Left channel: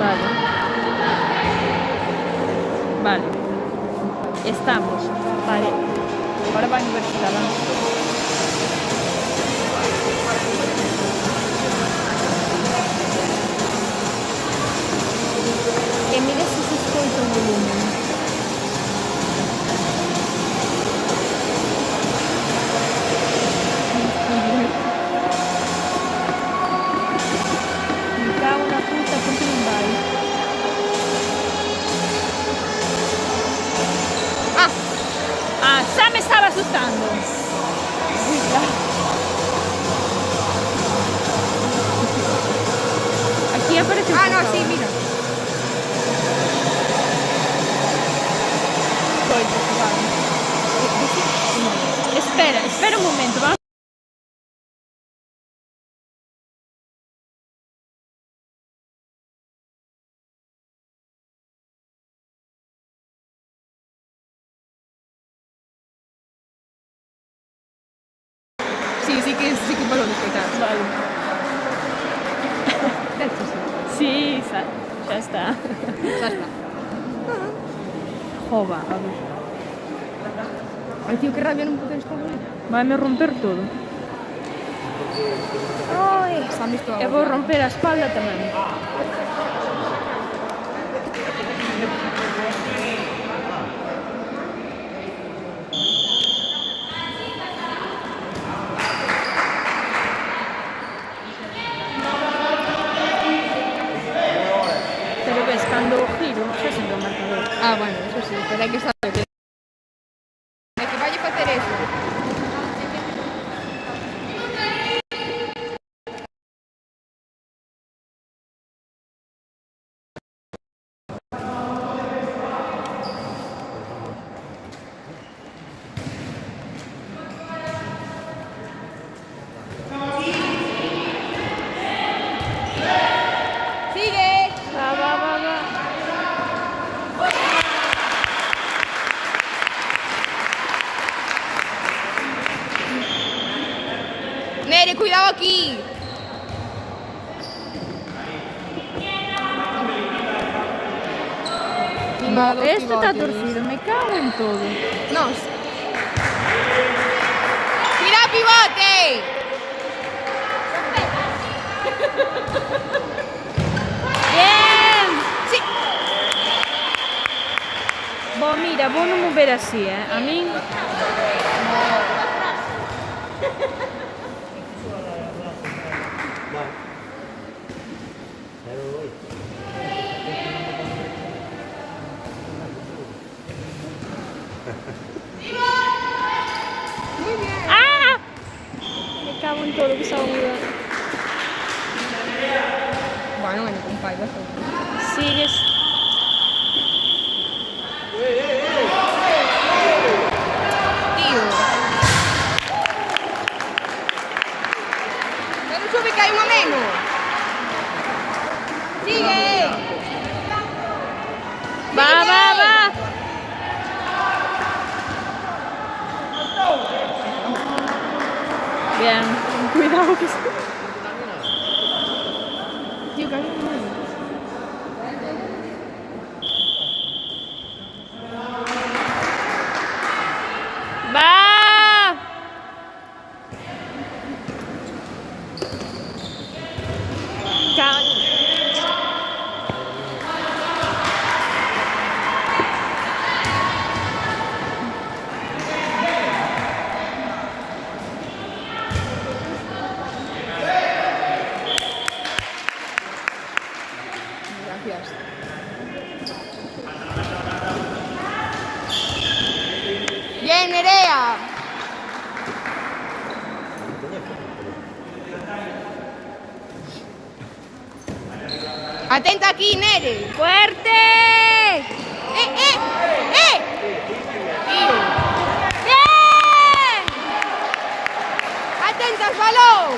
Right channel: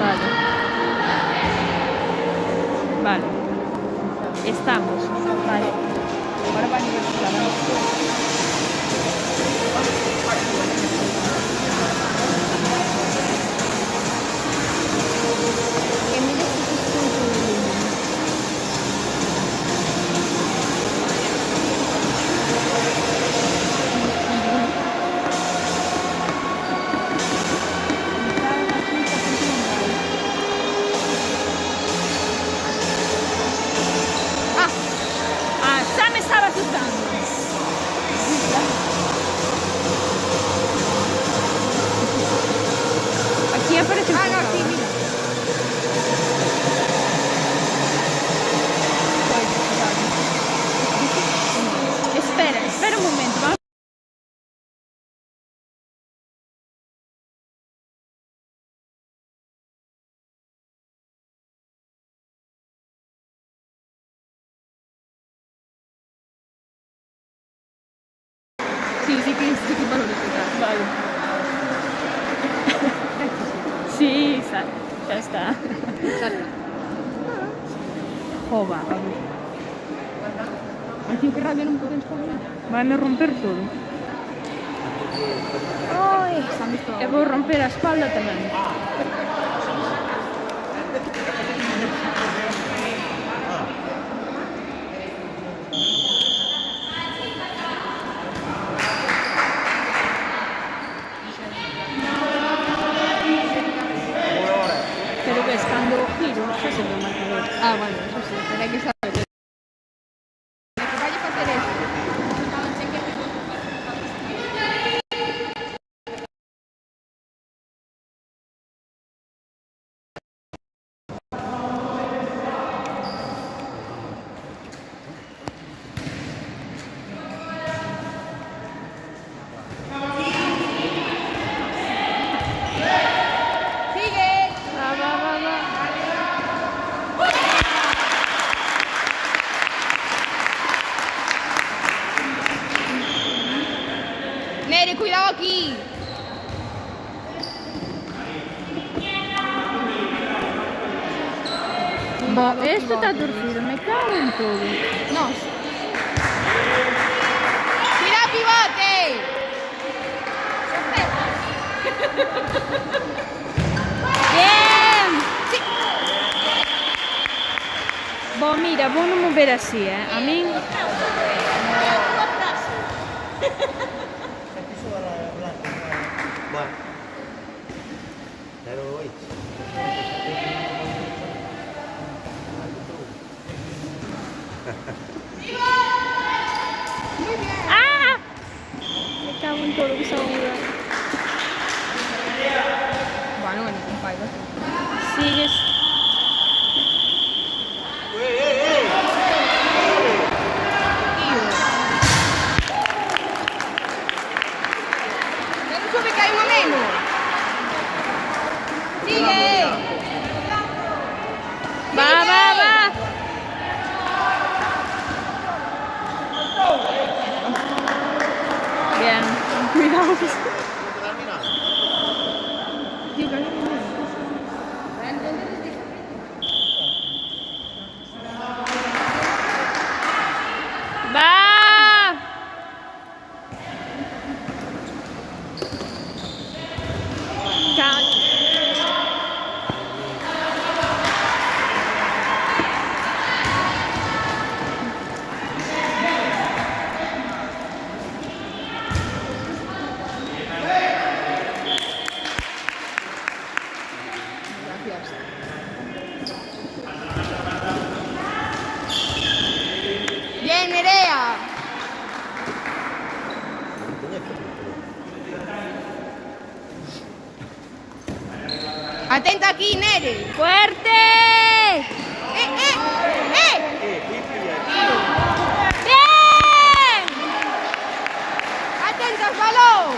Vale. Vale. Estamos. Vale. Ahora va a universidad. Mira si se escucha el volumen. Ah, ya me estaba asustando. Aquí aparece el No, pulsador. sí, mira. Vale. Espera un momento. Vamos. Sí que me lo explicar. Vale. Sí, ya está. Jova, a ver. Ay, tío, qué rabia no poder estar bien. Van a romper todo. Ay, se han visto. Eu vou romper a espalda tamén. Pero ves, cando giro, xa se ve o marcador. Ah, bueno, eso sí, pero hay que saber. De que vaya a hacer eso. Sigue. Va. Nere, cuidado aquí. Bom, este está torcido, me cago en todo. No. ¡Tira pivote! Bien! Sí. Bom, mira, vou non mover así, A min... ¡Ah! Me cago en todo que estaba mudando. Bueno, un fallo. Sigues. Tío. Ya no sube que hay uno menos. Sigue. Va. Bien, cuidado que... Tío, que hay uno menos. ¡Va! Gracias. Bien, Nerea. Atenta aquí, Nere. ¡Fuerte! ¡Bien! Atenta al balón.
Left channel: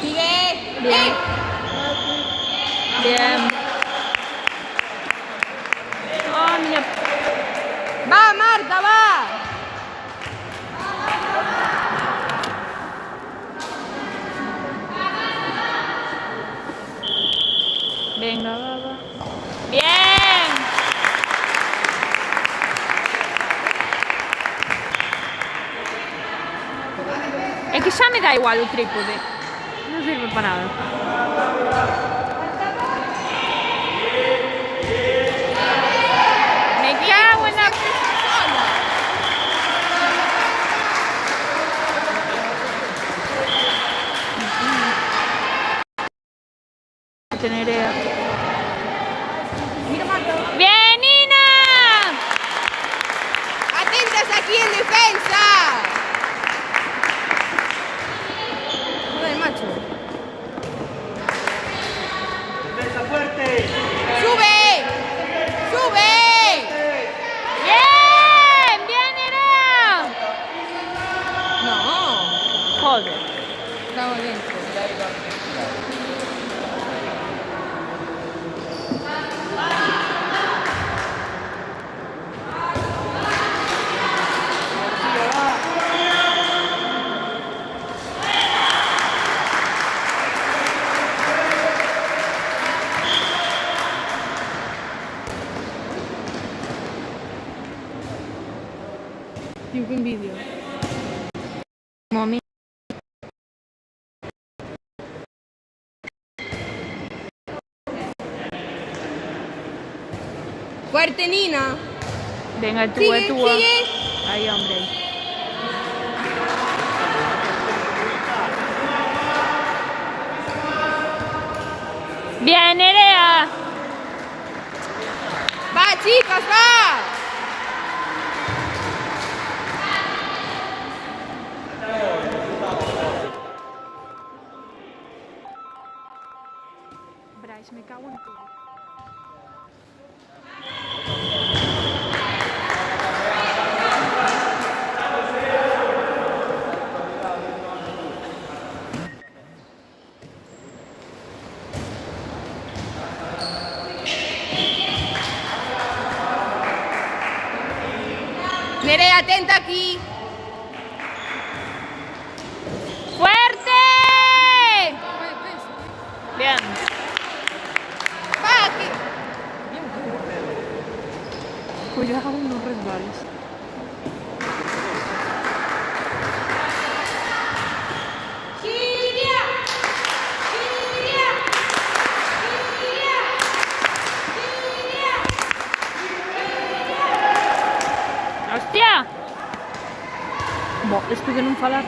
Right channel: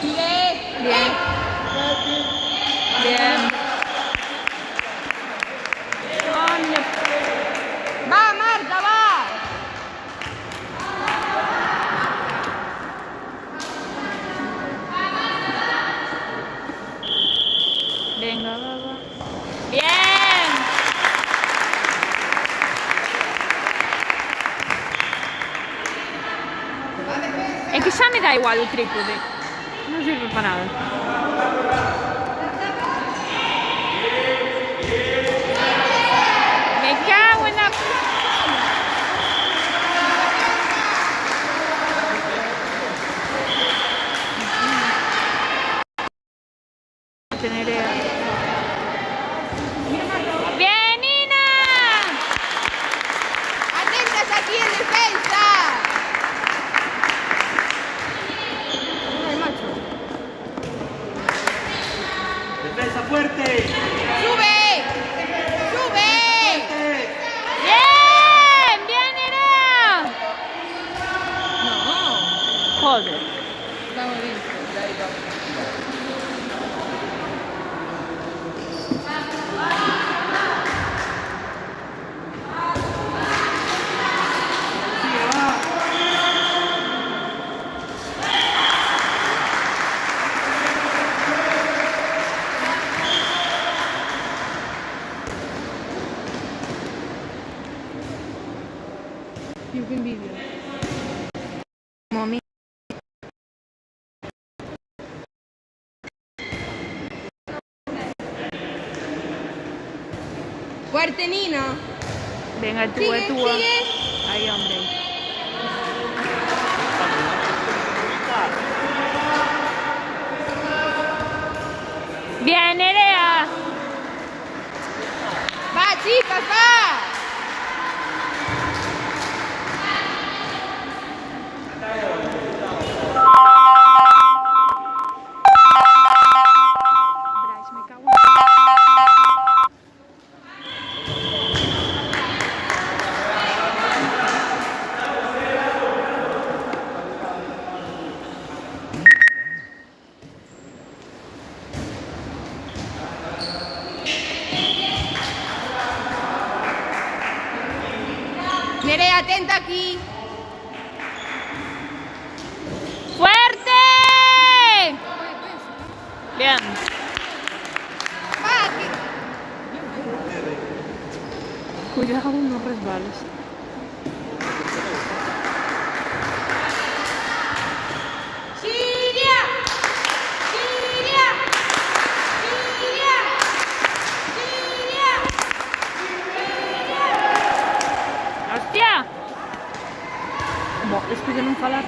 Sigue. Bien. Bien. Ah, mira. Va, Marta, va. Es que ya me da igual el trípode. No sirve para nada. Me cago en la... ¡Bien, Nina! Atentas aquí en defensa. Joder, macho. Defensa fuerte. ¡Sube! ¡Sube! ¡Bien! ¡Bien, Nerea! No. Joder. Estamos dentro. Tío, qué envidia. Mami. Fuerte, Nina. Venga, tú, Sigue, tú. sigue. Ahí, hombre. Bien, Nerea. Va, chicas, va. Bryce, me cago Nerea, atenta aquí. ¡Fuerte! Bien. Va, aquí. Cuidado, no resbales. Siria. Siria. Siria. Siria. ¡Hostia! Boh, esto de non falar.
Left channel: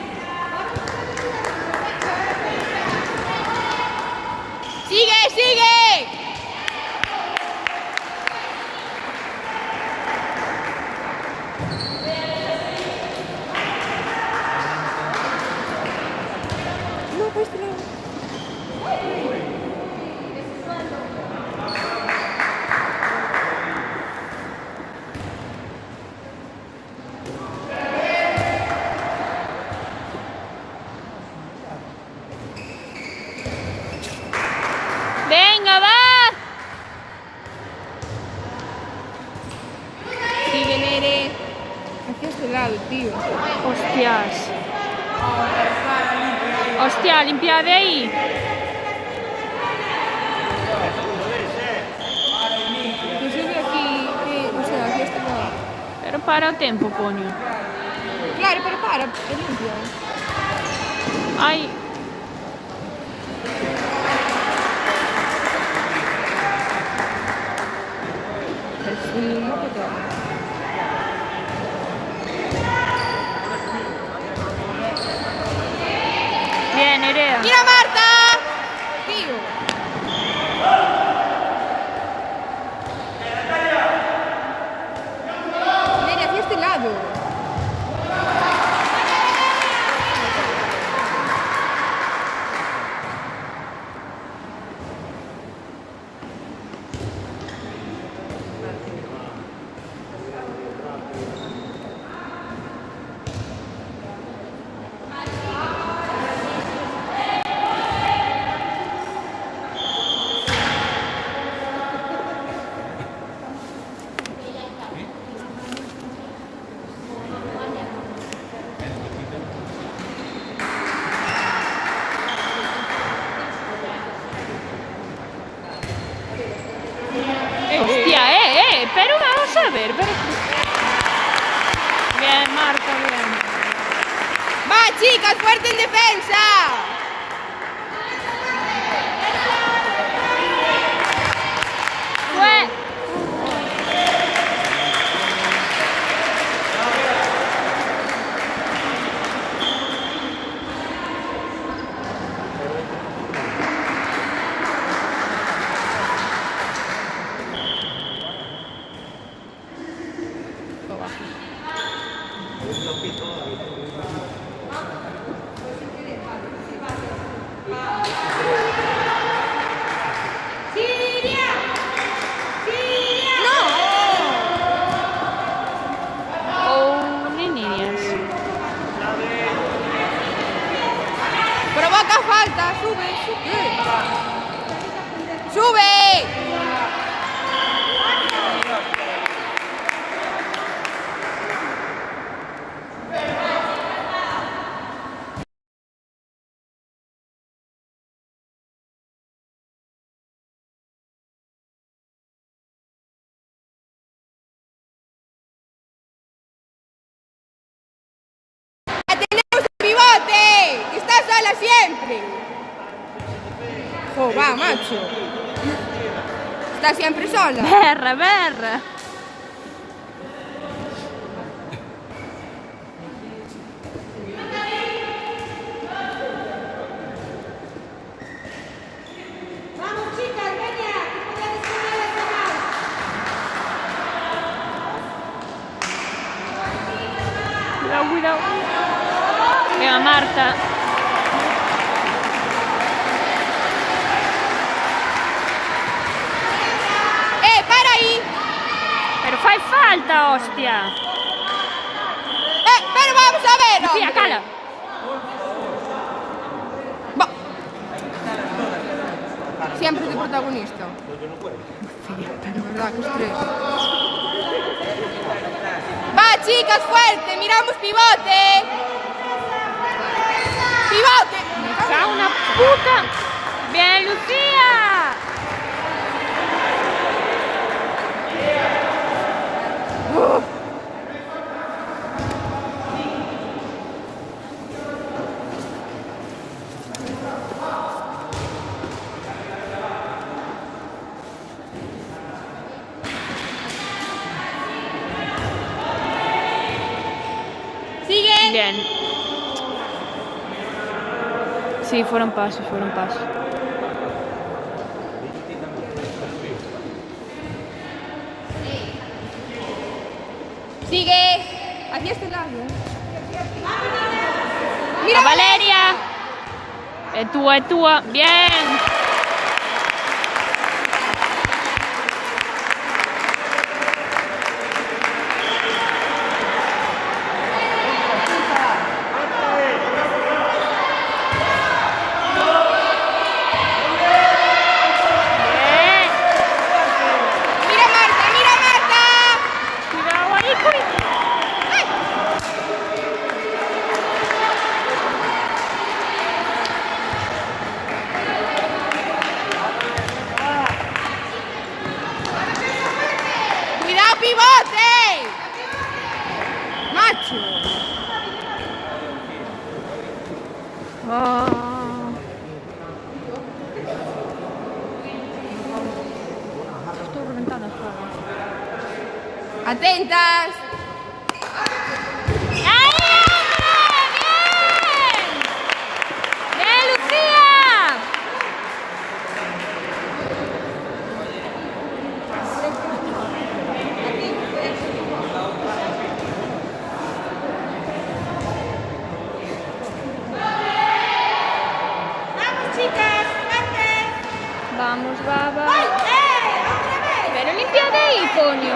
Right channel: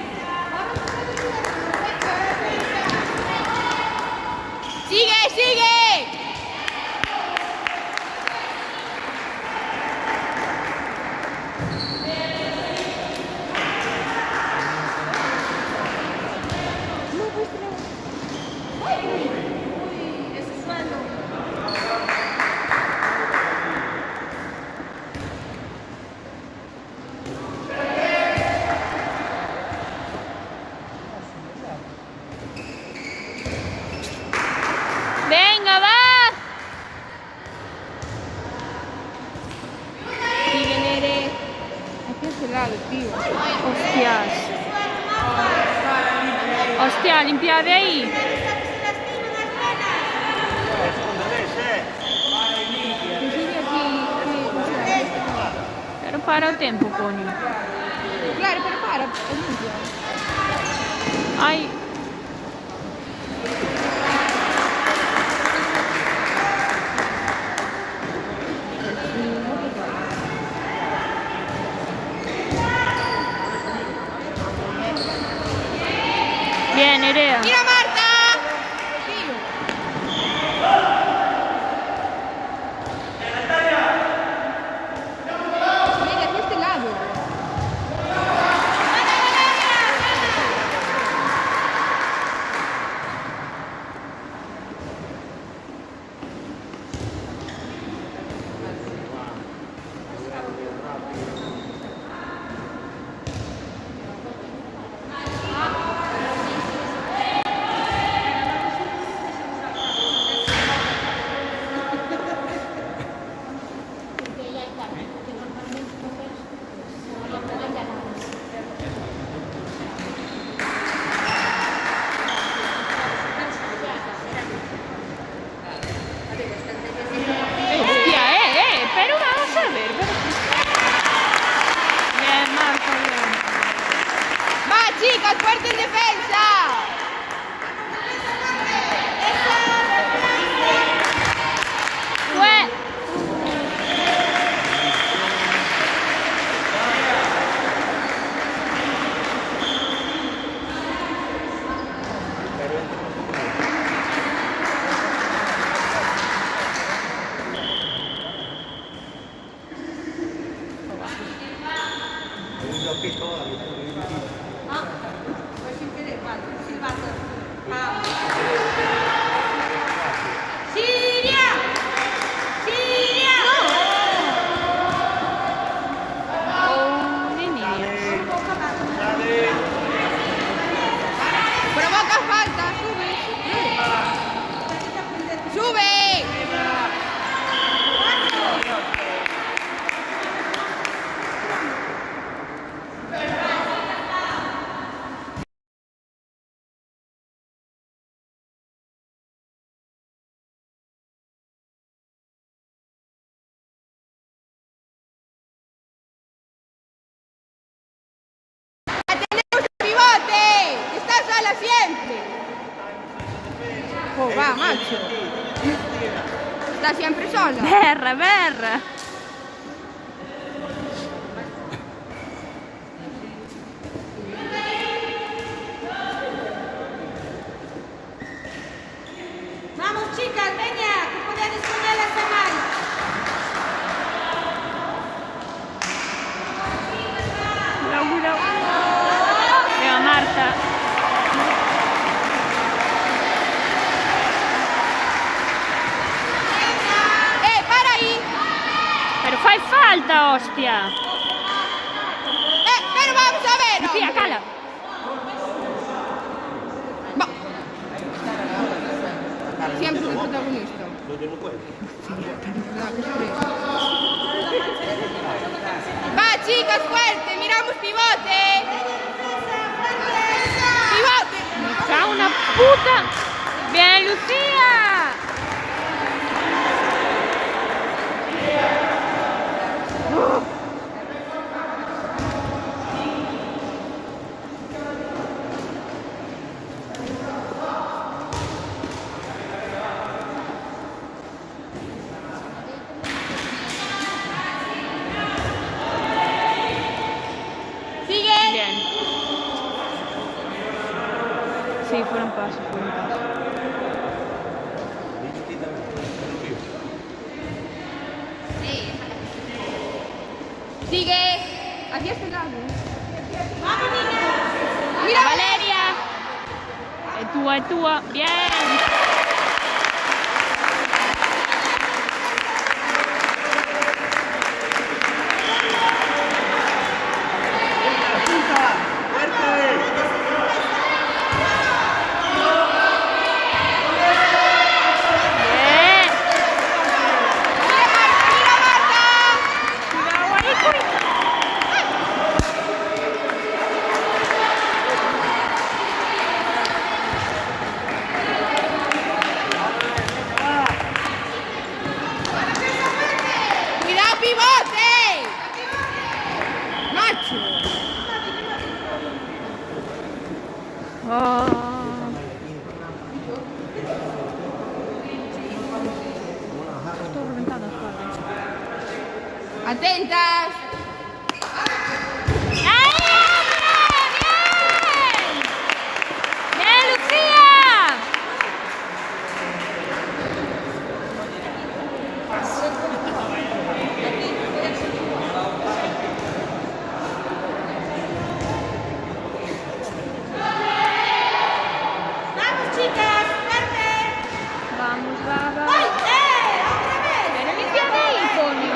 Sigue, sigue. ¡Venga, va! Sigue, Nere. Aquí a este lado, tío. Hostias. Hostia, limpia de ahí. Que sigue aquí, que o sea, de este lado. Pero para o tempo, coño. Claro, pero para, limpia. Ai. Bien, Nerea. ¡Mira, Marta! Tío. Venga, aquí a este lado. chicas! ¡Fuerte en defensa! Fue. Provoca falta. ¡Sube! ¡Pivote! ¡Estás sola siempre! ¡Oh, va, macho! Estás siempre sola. Berra, berra. Vamos chicas, venga, que podéis comer las demás. Cuidado, cuidado. Venga, Marta. ¡Para ahí! Pero fai falta, hostia. ¡Pero vamos a ver! Lucía, cala. Va. Siempre de protagonista. ¡Va, chicas, fuerte! ¡Miramos pivote! ¡Pivote! Me cago una puta. Bien, Lucía. ¡Sigue! Bien. Sí, fueron pasos, fueron pasos. ¡Sigue! Aquí está el lado. Mira, Valeria. Es túa. Bien. ¡Mira, Marta! ¡Mira, Marta! Cuidado ahí, cuidado. ¡Cuidado, pivote! ¡Macho! Oh. Estoy reventando las palmas. ¡Atentas! ¡Ahí, hombre! ¡Bien! ¡Bien, Lucía! Vamos chicas, fuerte. Vamos, vamos. ¡Ay, otra vez! Pero limpiad ahí, coño.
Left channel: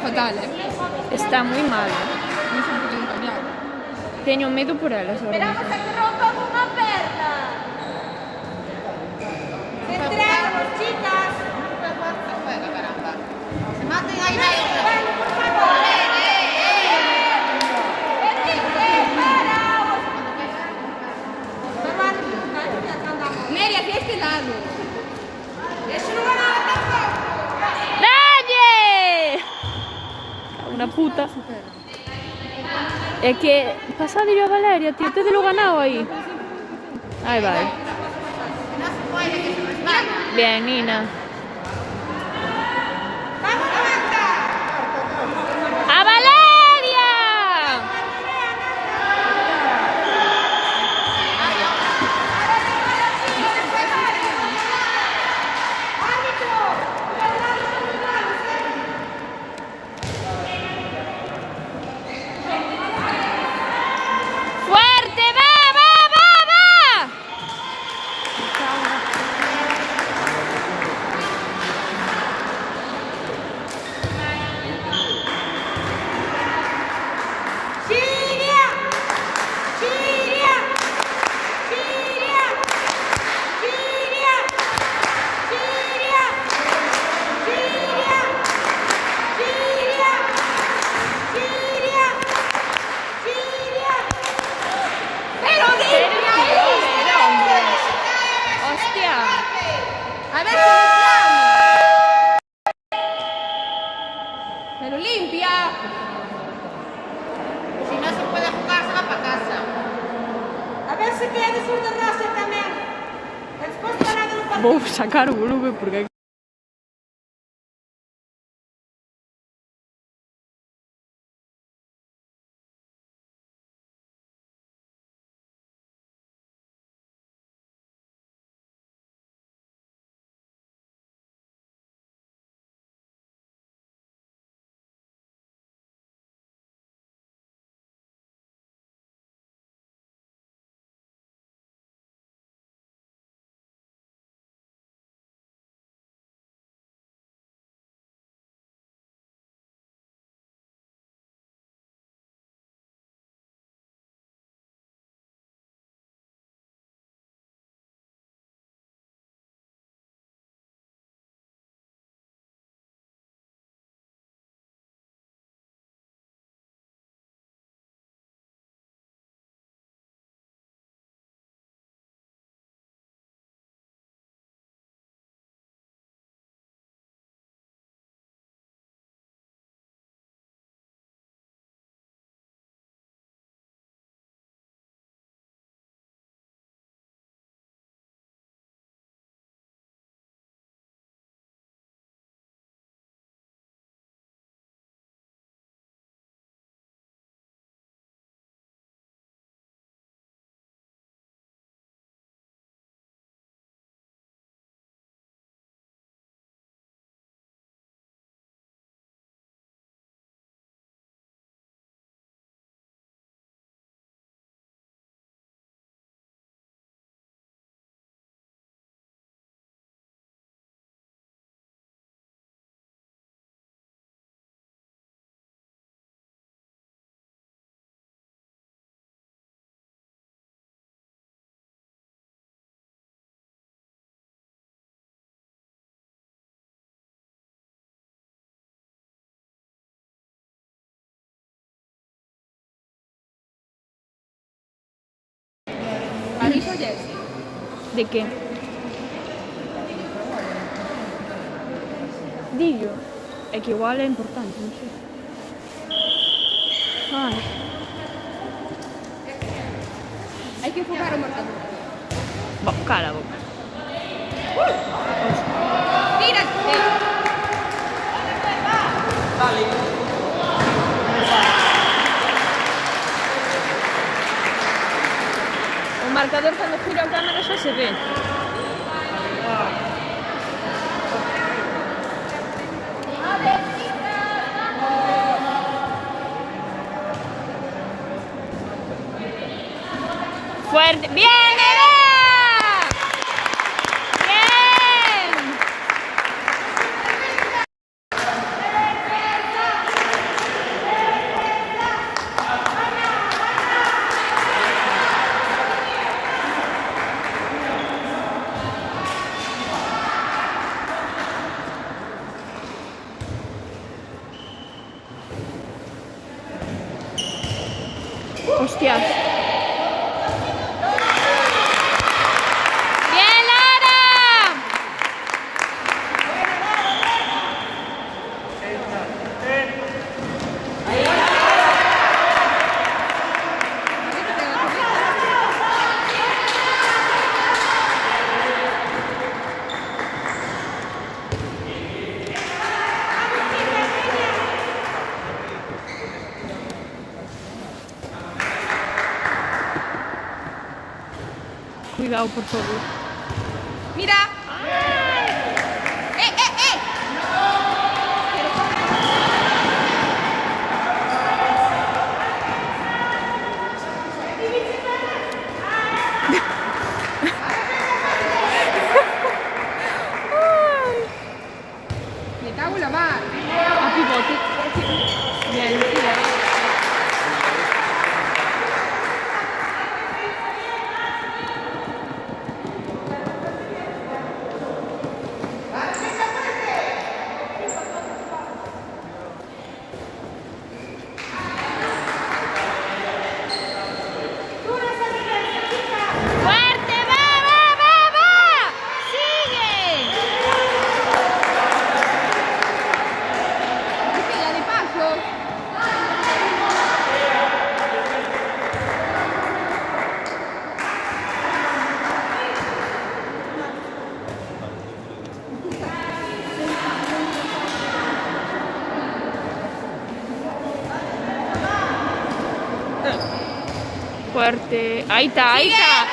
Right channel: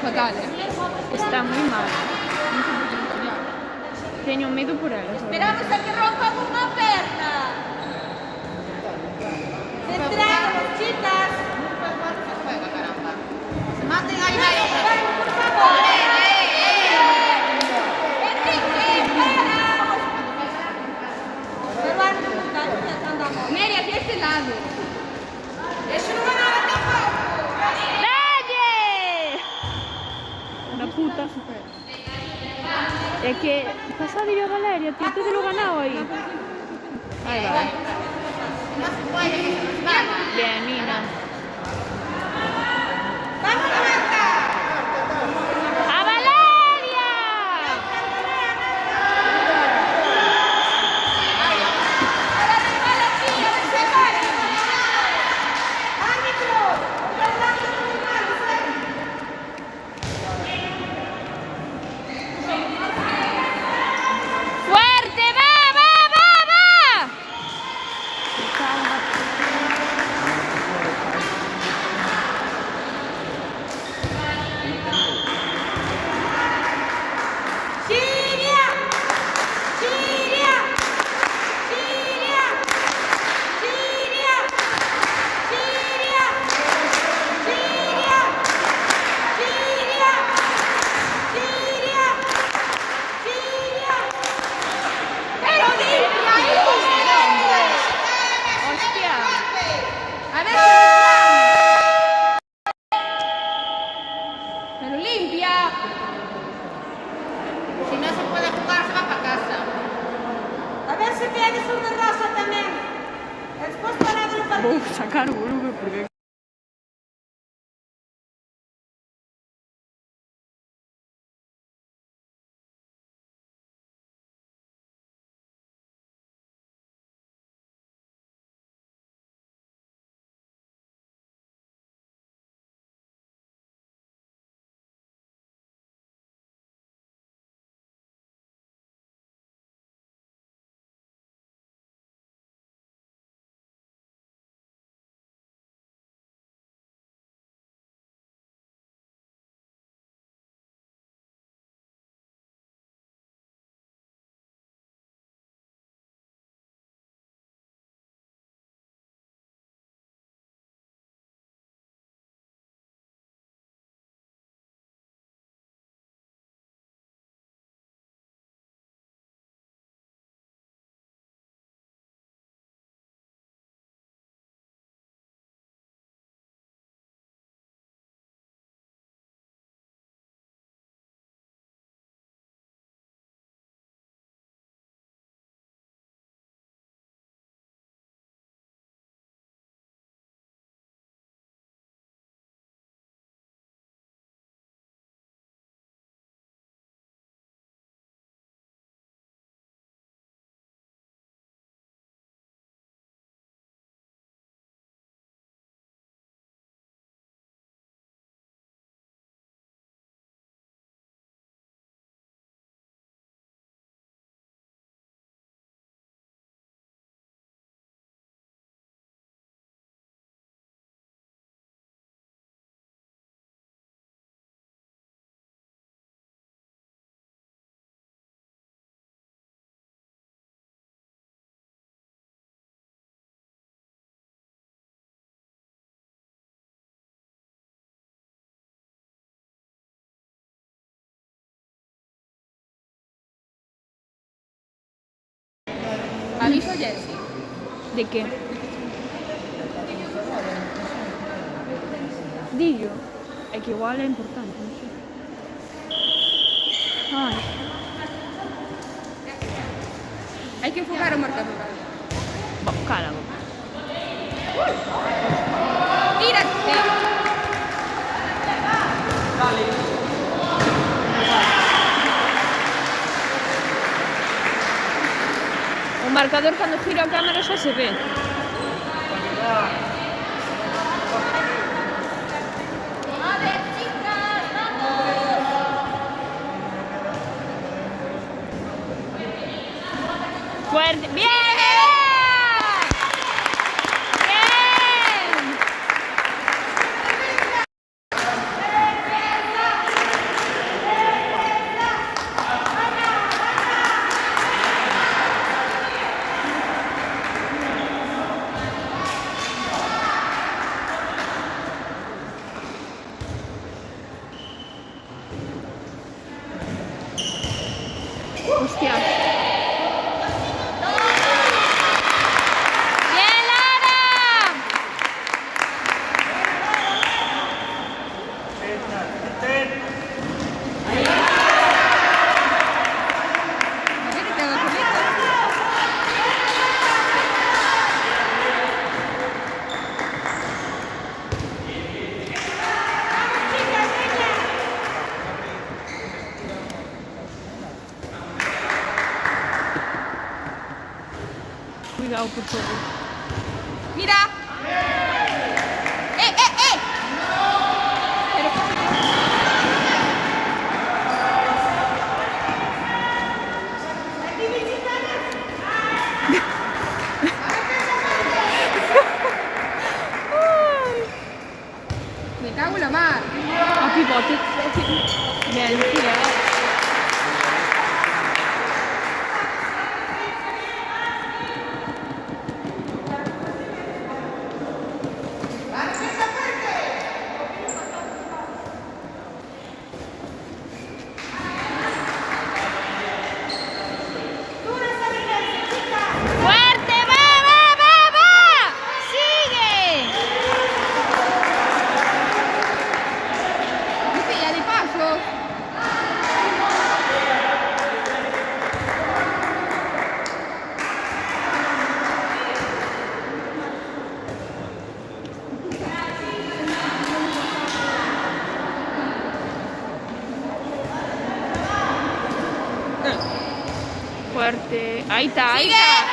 fatal, Está muy mal. Non so perché non torniamo. Teño medo por ela, sobre. Esperamos a que rompan una perna. Centrados, chicas. Se juega, caramba. Se maten ahí, ahí otra vez. Bueno, por favor. Neri, aquí a este lado. Eso no va a dar tampoco. ¡Dalle! Una puta. Es que pasadi yo a Valeria, tío, te lo ganado ahí. Ahí va. No se puede, que se resbala. Bien, Nina. ¡Vamos, Marta! ¡A Valeria! ¡Fuerte! ¡Va, va, va, va! ¡Siria! ¡Siria! ¡Siria! ¡Siria! ¡Siria! ¡Siria! ¡Siria! ¡Siria! ¡Siria! ¡Era Hostia. A ver si pero limpia. Si no se puede jugar, se va para casa. A ver si tienes una rosa también. Después para no para... Vou sacar o volume porque... Aviso a Jessy. De qué? Dillo. É que igual é importante, non sei. Ai. Hay que enfocar o marcador. Bo, cala a boca. Tírate. O marcador cando gira a cámara xa se ve. Fuerte. ¡Bien, bebé! ¡Bien! hostias. ¡Bien, Lara! ¿Qué te hago con esta? Cuidado, por favor. ¡Mira! ¡Eh! Ay. Me cago en la mar. A pivote. Bien, cuidado. ¡Fuerte! ¡Va, va, va, va! ¡Sigue! ¿Viste? Ya de pasos. Fuerte. Ahí está, ahí ¡Sigue! está.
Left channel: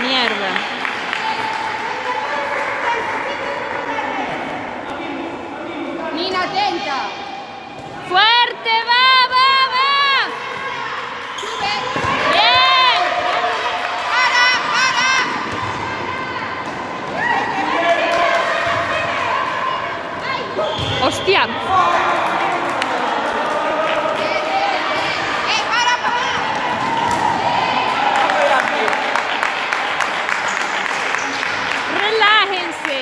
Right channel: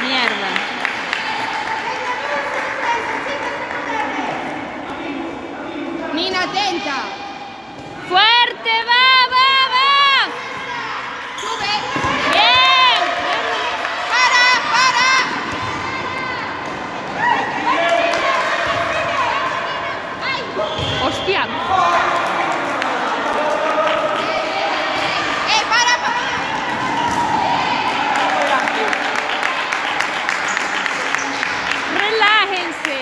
Mierda. Nina, atenta. ¡Fuerte! ¡Va, va, va! Sube. ¡Bien! ¡Para! ¡Hostia! ¡Para! ¡Relájense!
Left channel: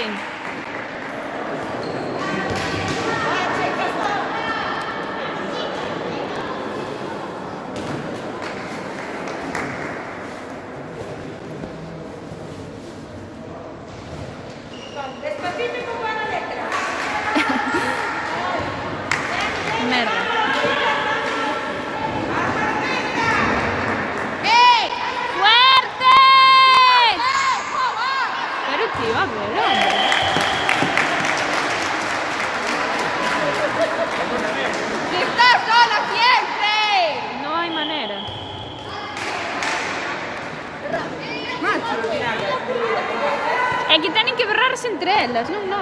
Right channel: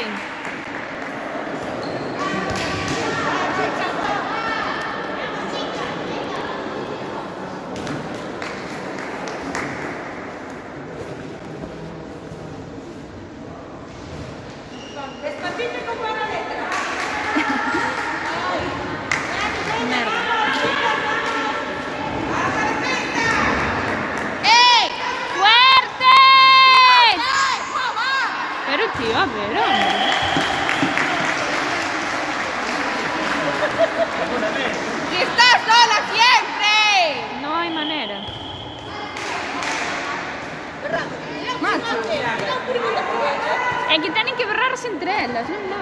Despacito con buena letra. Mierda. ¡Ey! ¡Fuerte! Pero tío, abuelo. ¡Que estás sola siempre! No hay manera. Es que tienen que berrarse entre ellas, no, no.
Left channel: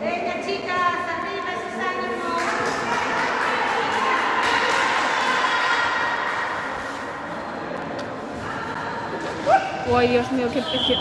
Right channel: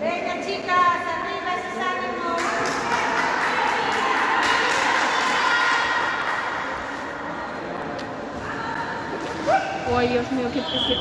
Venga, chicas, arriba esos ánimos. Ay, Dios mío, qué precio.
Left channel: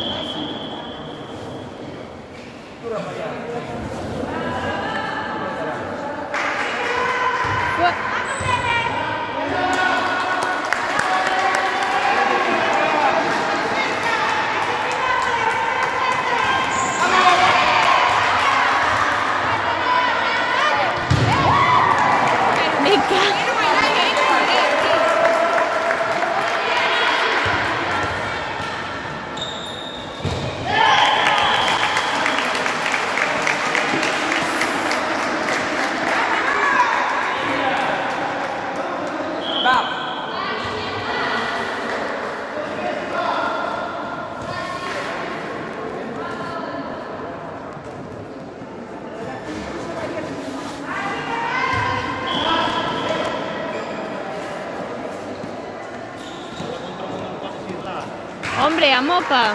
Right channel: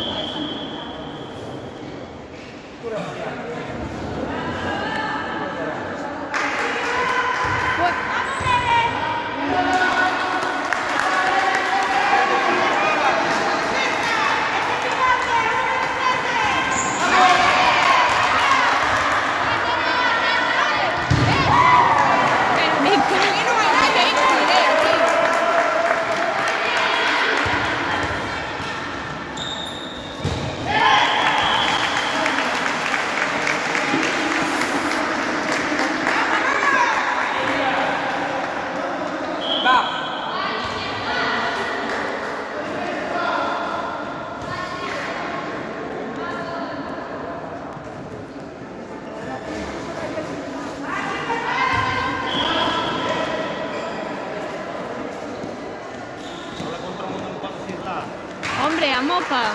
Hombre, a mopa.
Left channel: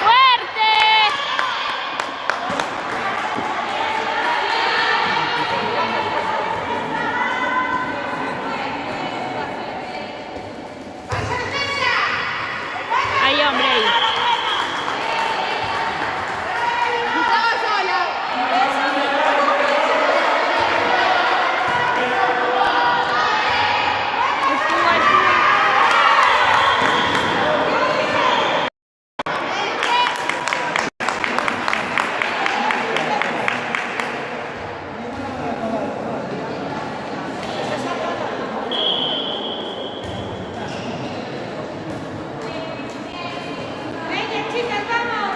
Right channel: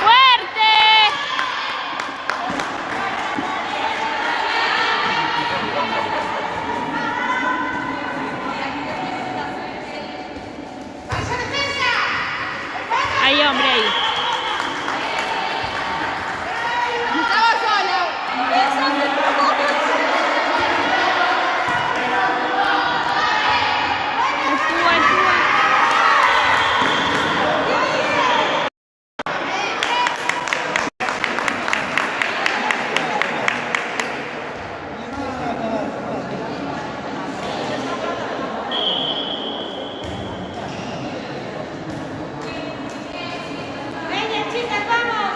¡Fuerte! Hay hombre ahí. Estaba sola. Espúa, espúa. Venga, chicas, vamos.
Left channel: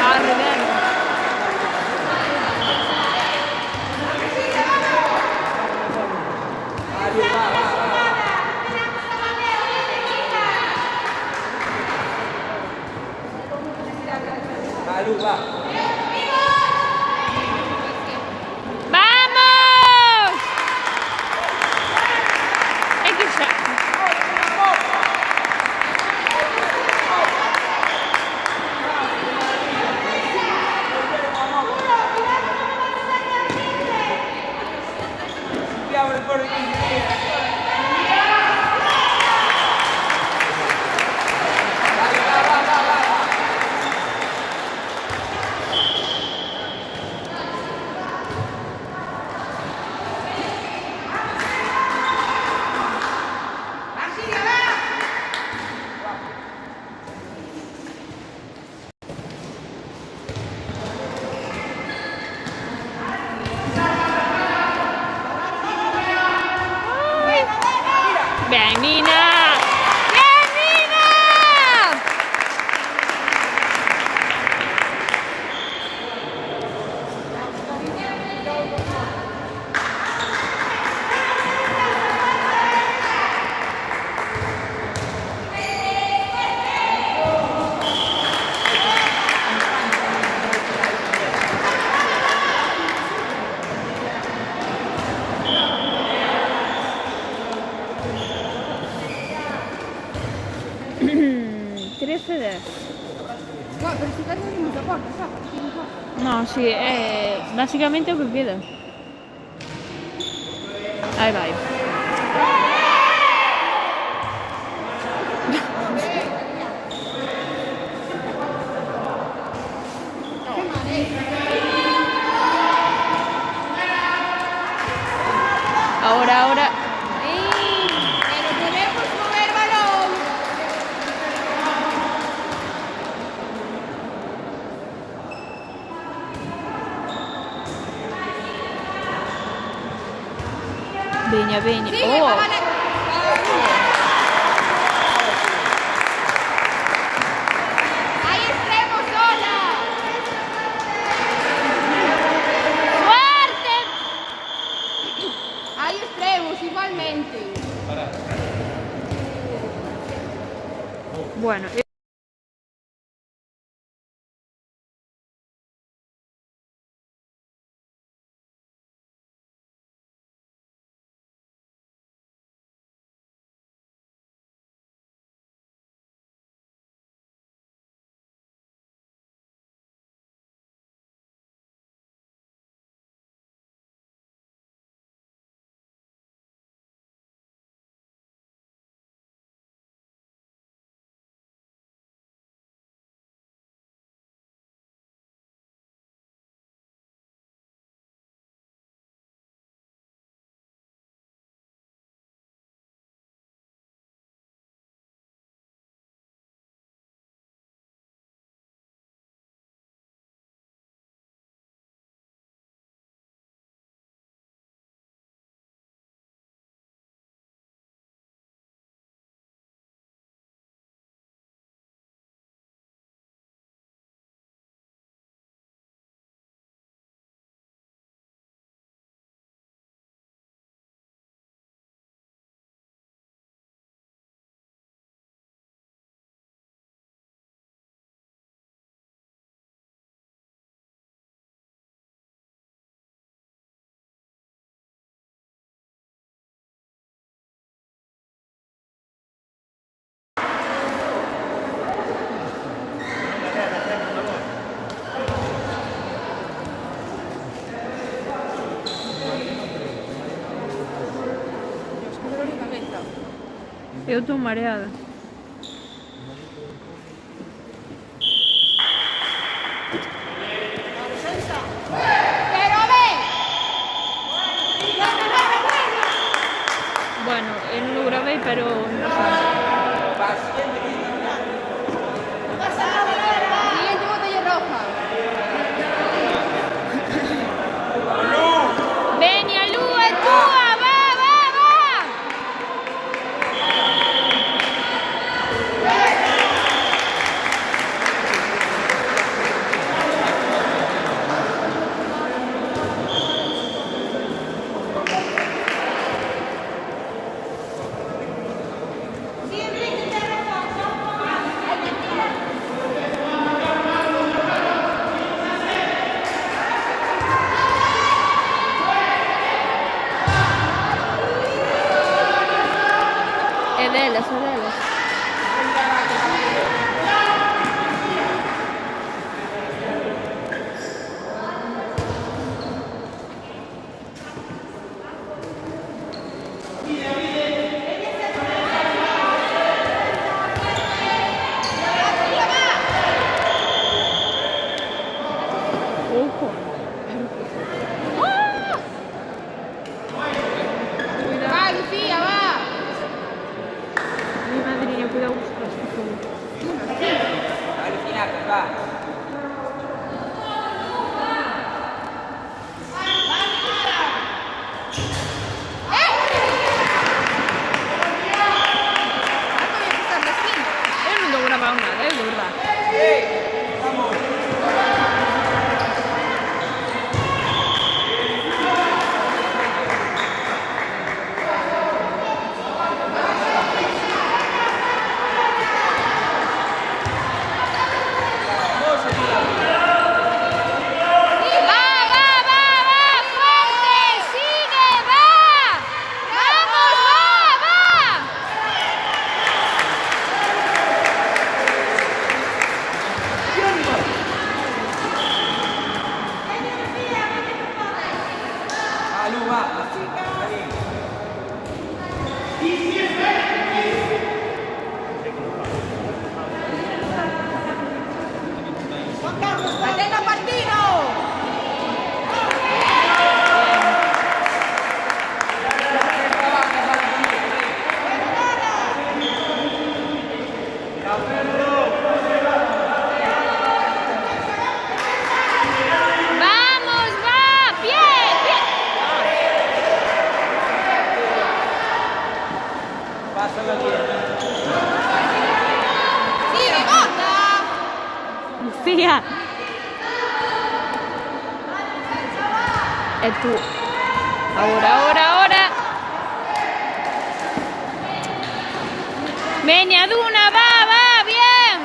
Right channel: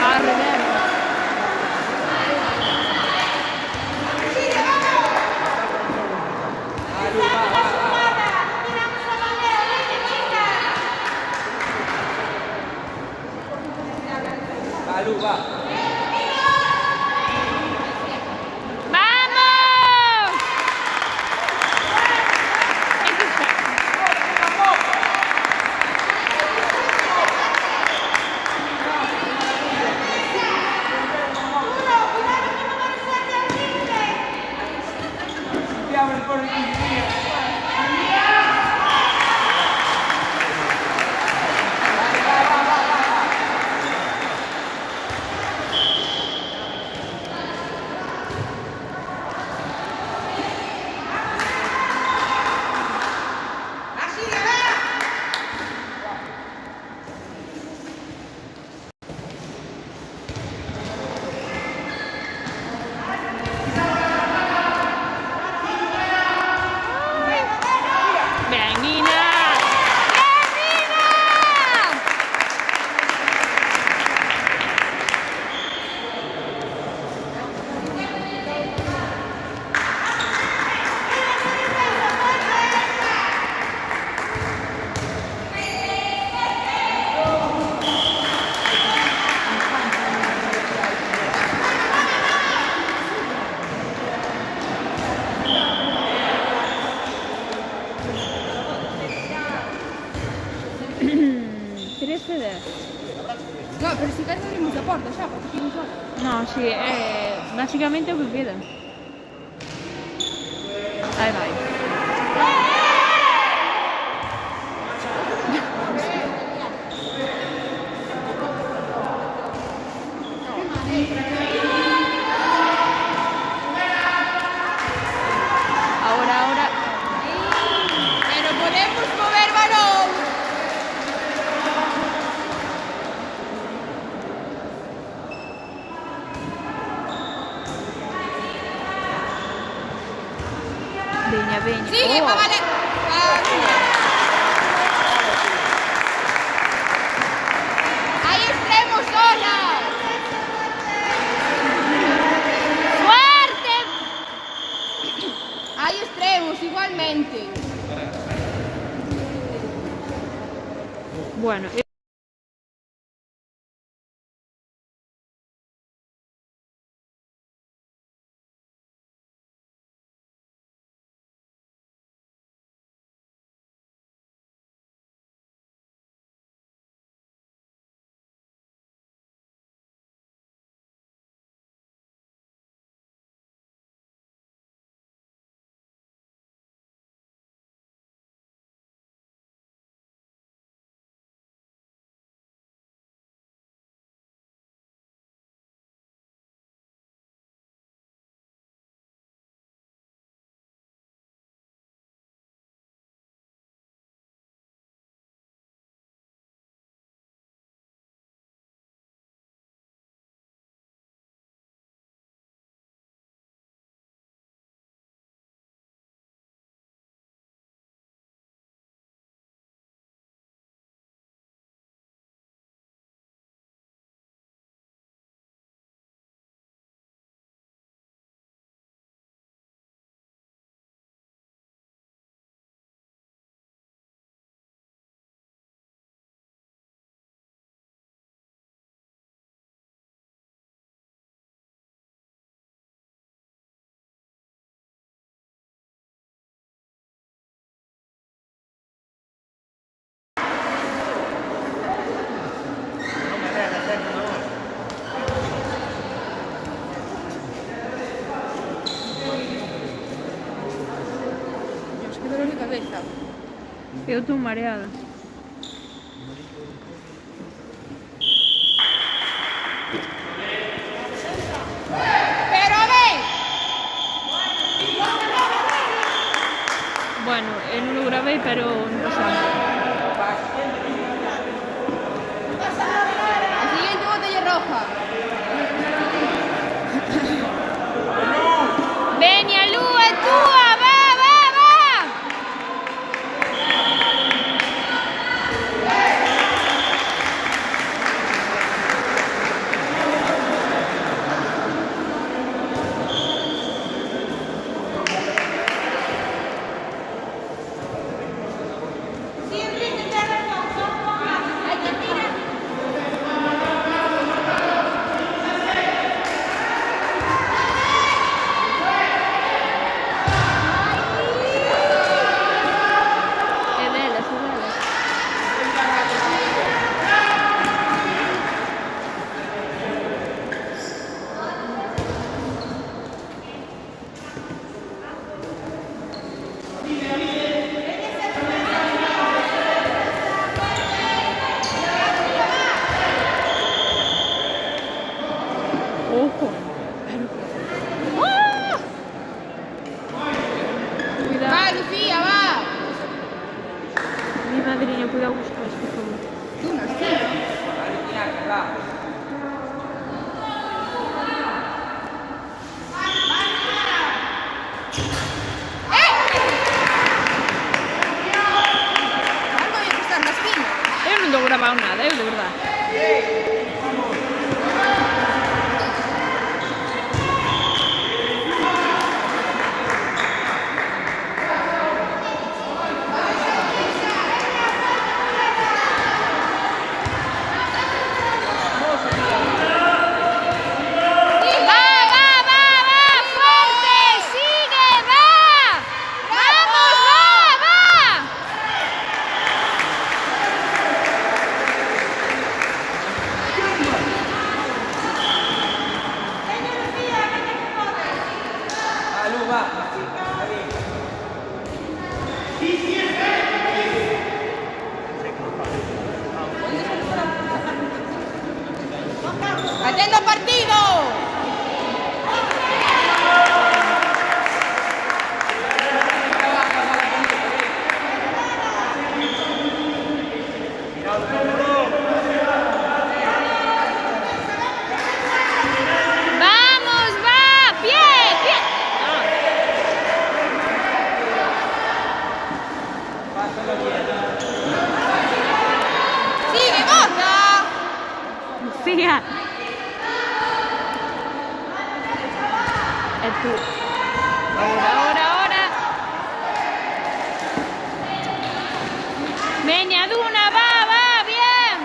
Arre, vemos. Malu, va. ¡Vamos! Es que ya. Andiamo nel cuore di Bien, Nina. Bien, Nina. ¿Quieres ceder? No, pero si perdi non mi porta, ciao, perché non so. No, sì, básicamente lo que queda. Ahí va. Ahora, ahora. Pero podemos mover balón. Bene, bene. Sì, Oh. ma vale. Ahí estremo sola. ¡Fuerte! Hay extremos igualmente. Bueno. Eu estou mareada. Bueno, no lo grabé, pero no pasa nada. La siguiente botella roja. Venia, Lu, è tua! Va, va, va! È bella, sorella. Ojo. Va, Lucía, va. Mi madrina, cuidado con esto, por favor. Tanto voy a pisar la esquina. Io non devo gravare nada, io devo gravare. Va, va, va, va, fuerte, sigue, va. Vamos, va, va. Ah, Lu, va. ¡Haciendo partido! Vamos, va, bien, bien. ¡Sigue, gorda! Lucía. È tu. Ora. Vieni ad una, va, bien.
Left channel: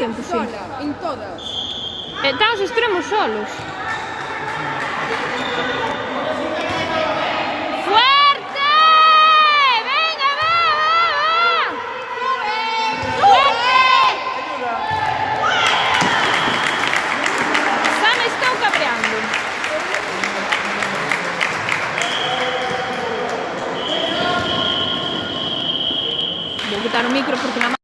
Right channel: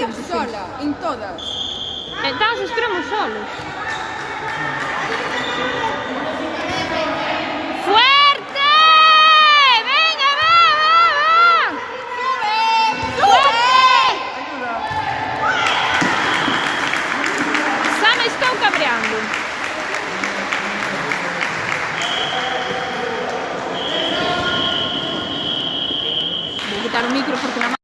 potente, sí. sola, en todas. Están os extremos solos. ¡Fuerte! ¡Venga, va! ¡Fuerte! Xa me estou cabreando. Vou quitar o micro porque na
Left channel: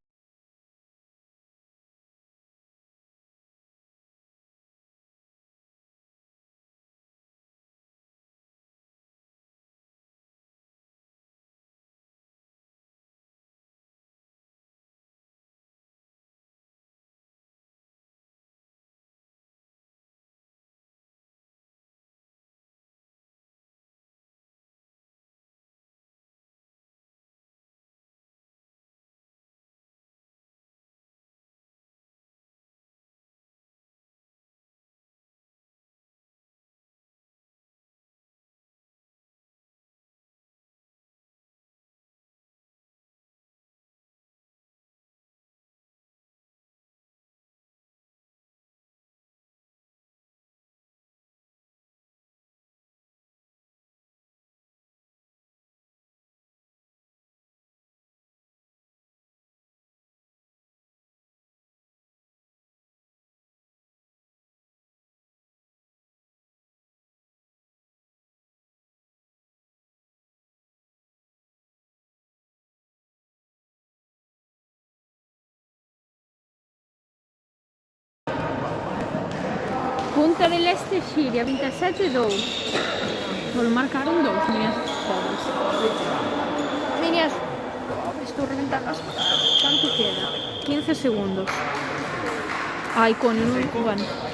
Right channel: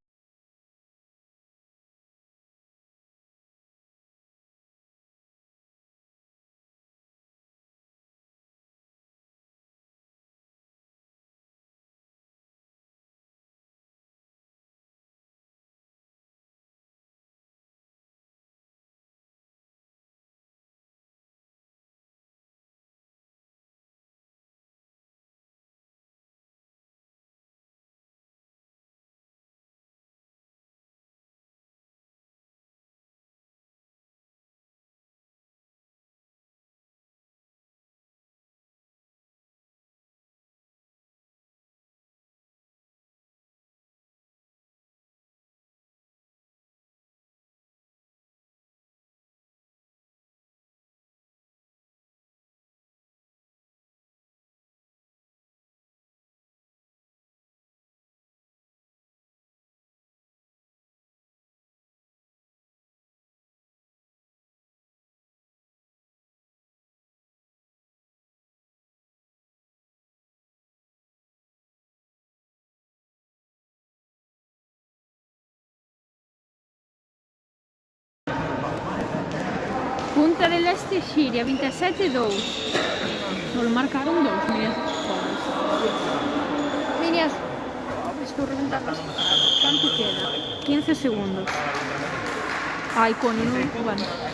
Punta del Este Xiria 27-2. Solo marcaron 2, mira. Pobres. Líneas. Estou reventando as... Canto queda? 15 segundos. Ai, coño, non... Bueno.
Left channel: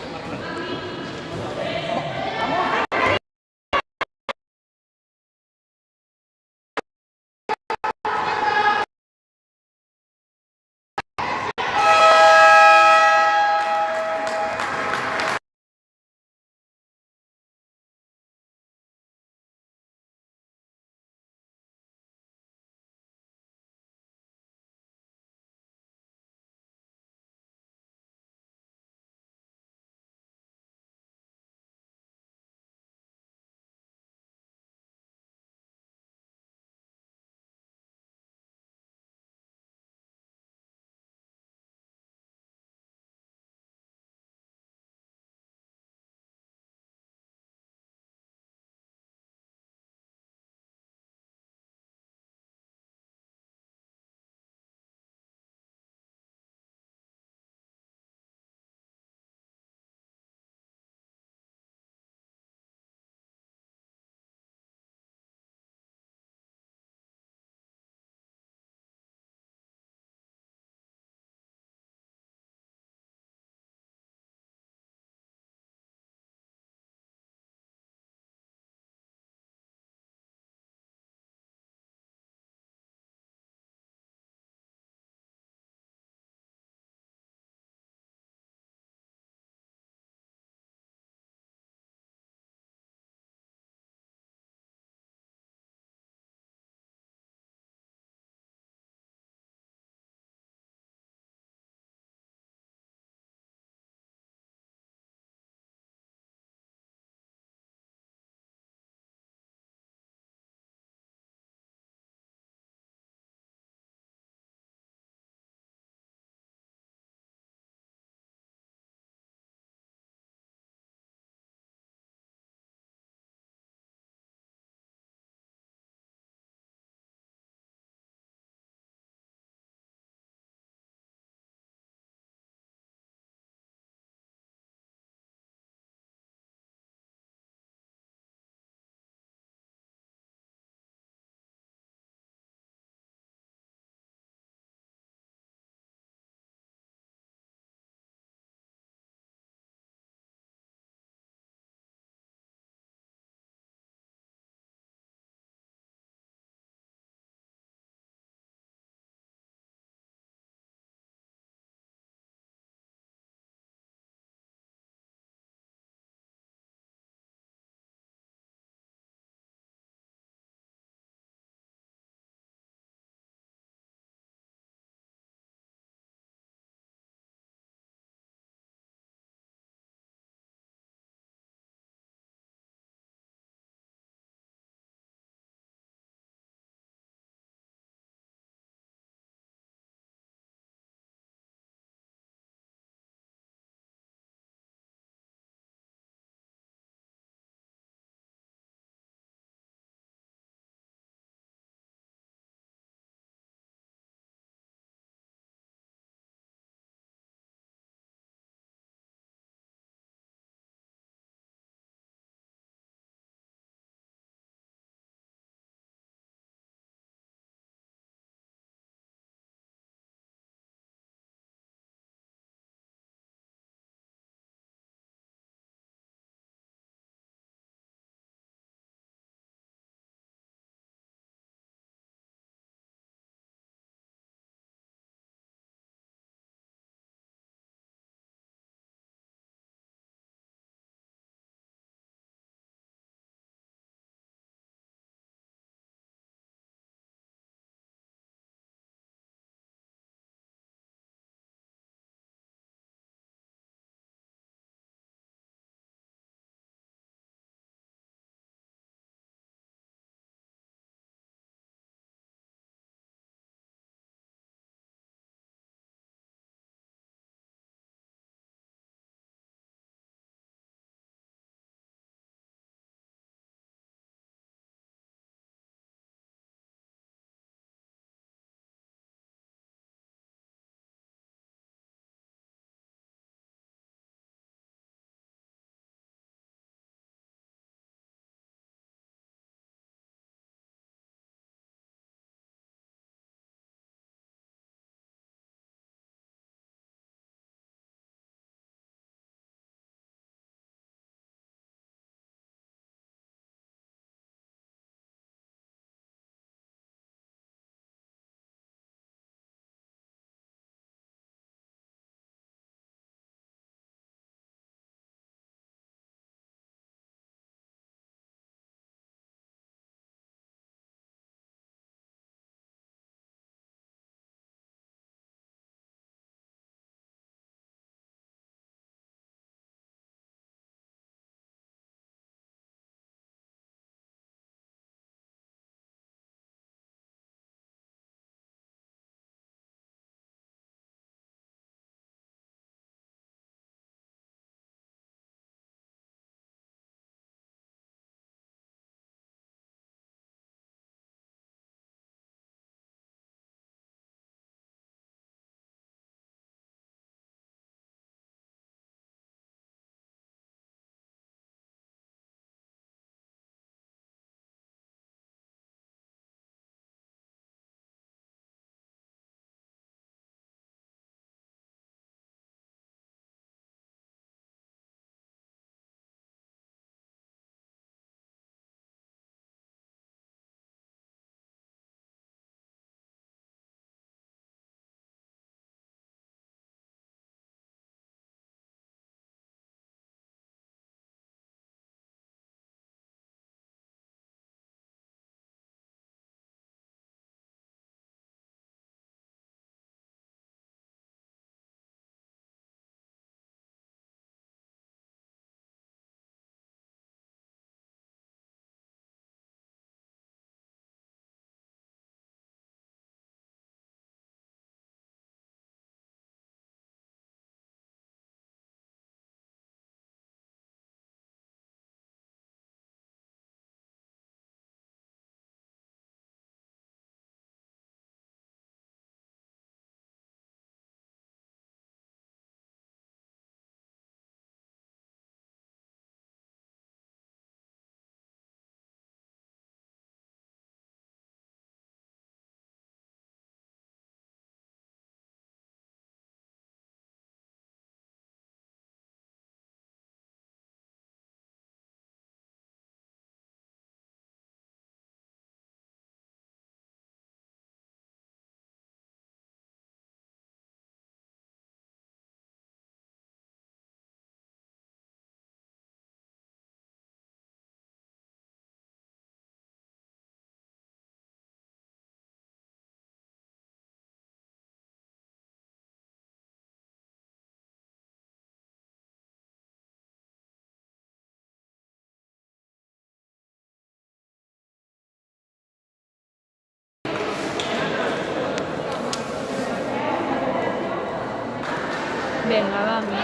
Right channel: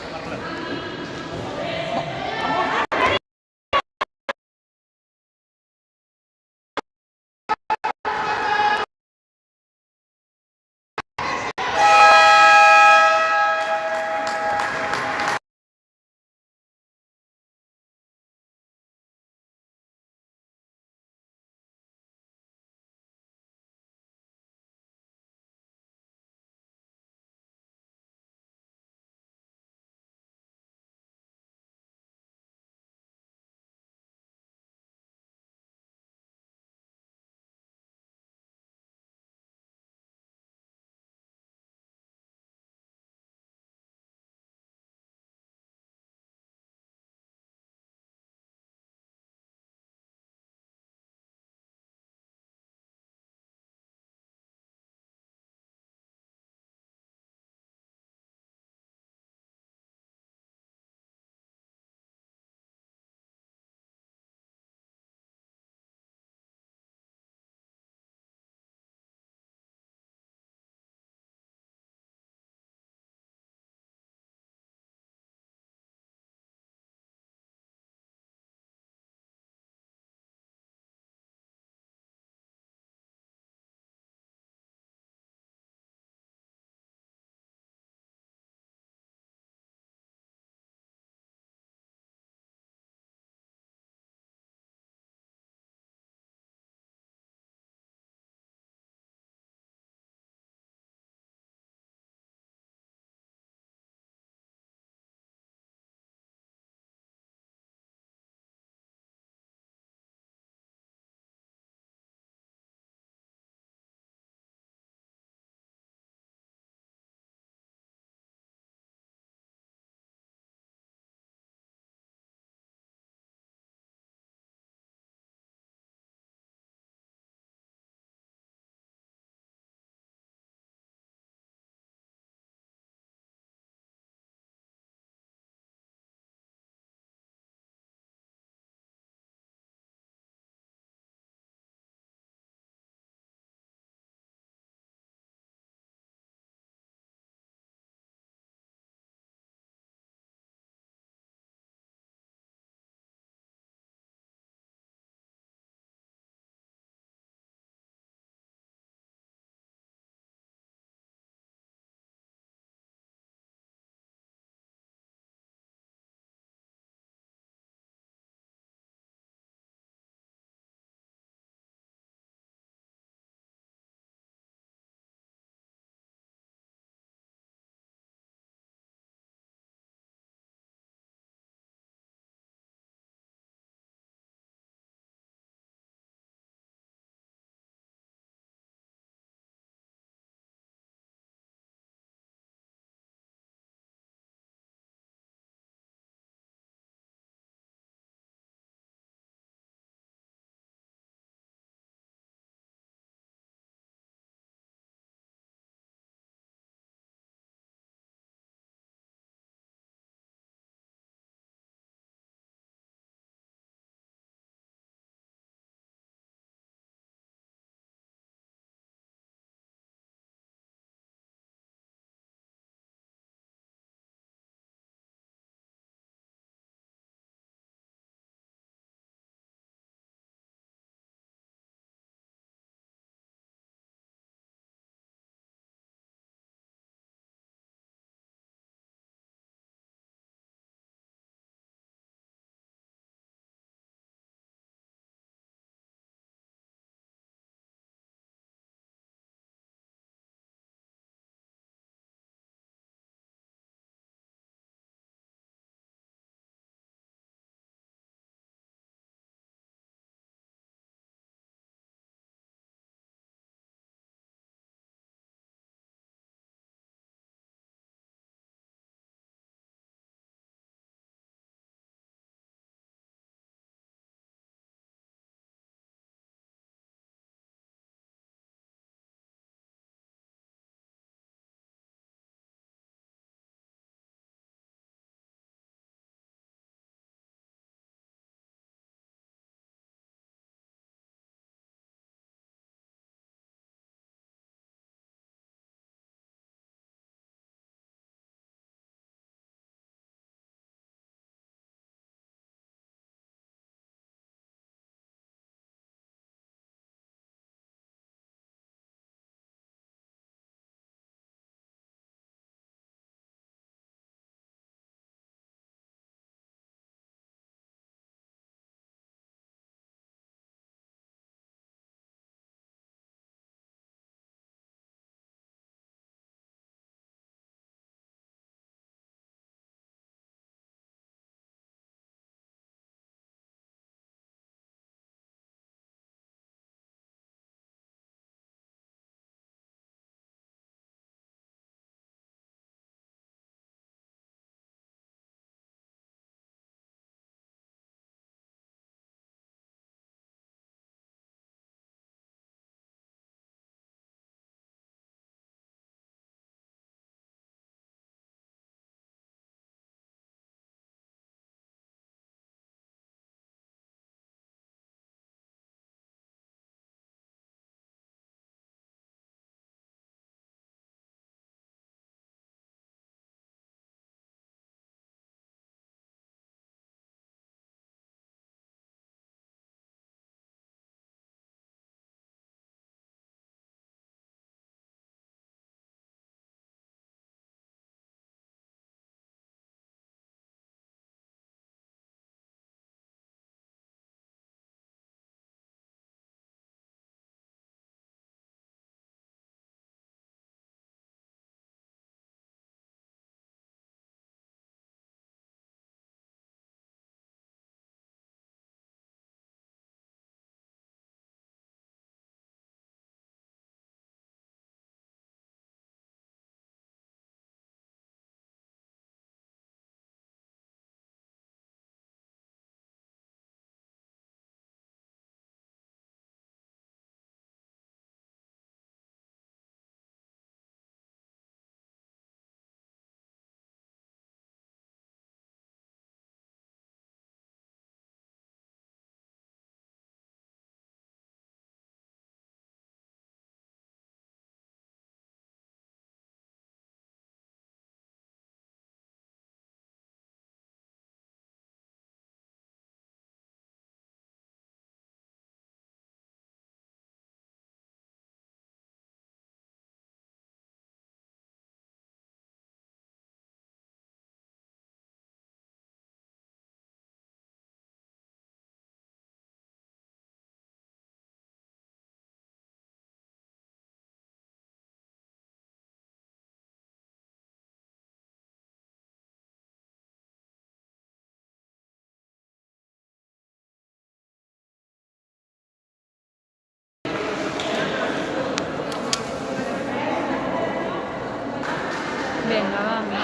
Venga, vamos.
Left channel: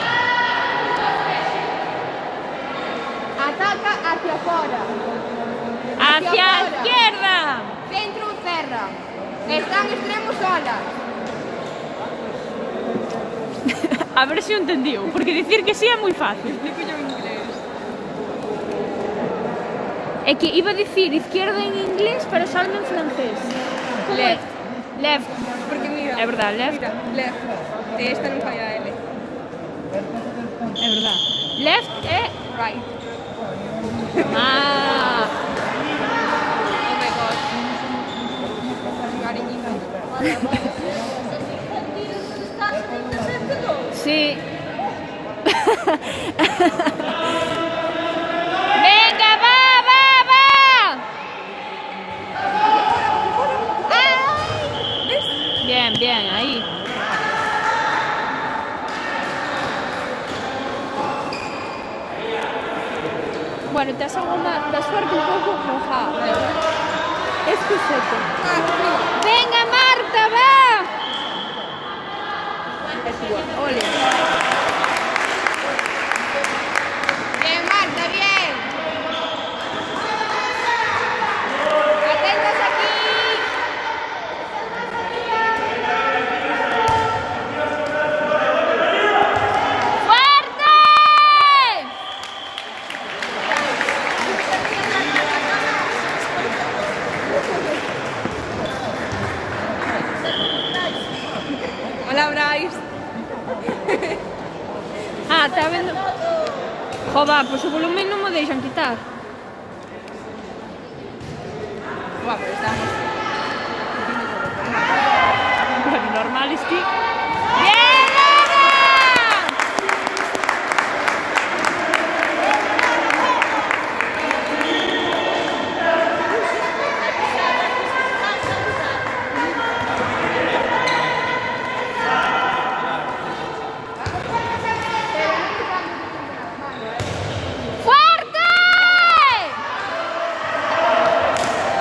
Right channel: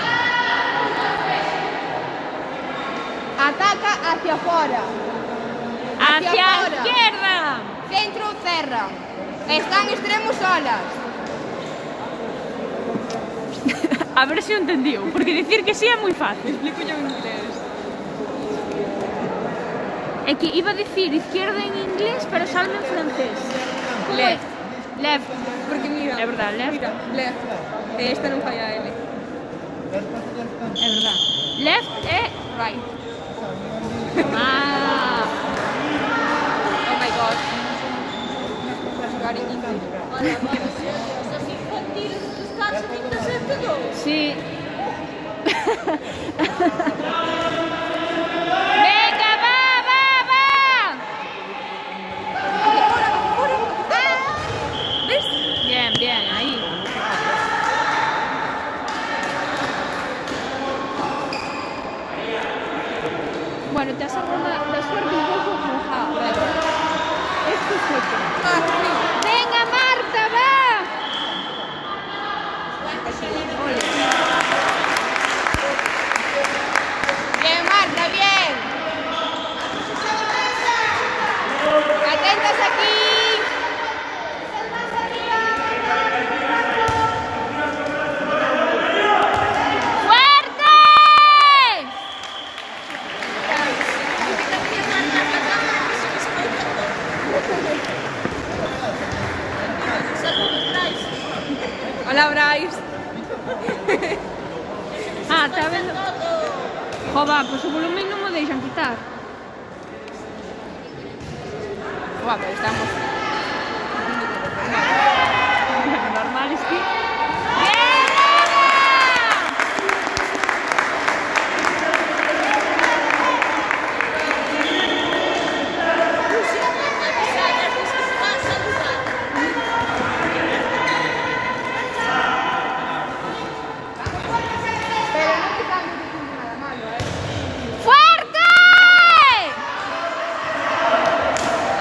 Ataca hacia afuera. ¡Hacia afuera. izquierda! Centro cerra. Están extremos solas. A ver se o entendiu, porque dicir que sí é moi fácil. É que iba a dicir izquierda en inglés, pero salme en francés. Como é? Left. Porque mira. É verdad, left. Left. Esta non falla L. É verdad. Left é right. Ah, Oh my god. sí. Venga, va, va, va. Bien, bien, ahí. Bueno, te hace la suerte un poco mojada. Es tu suerte. Venga, Marta, va. Ole. Bien, Marta, bien. Atentas aquí. ¡Fuerte! Hola, Bryce. Ah, está vendo. Joder, pois o volumen non me deixan quitar. Guau, pero estamos. Bueno, normal es que... ¡Bien, Ana! ¡Fuerte!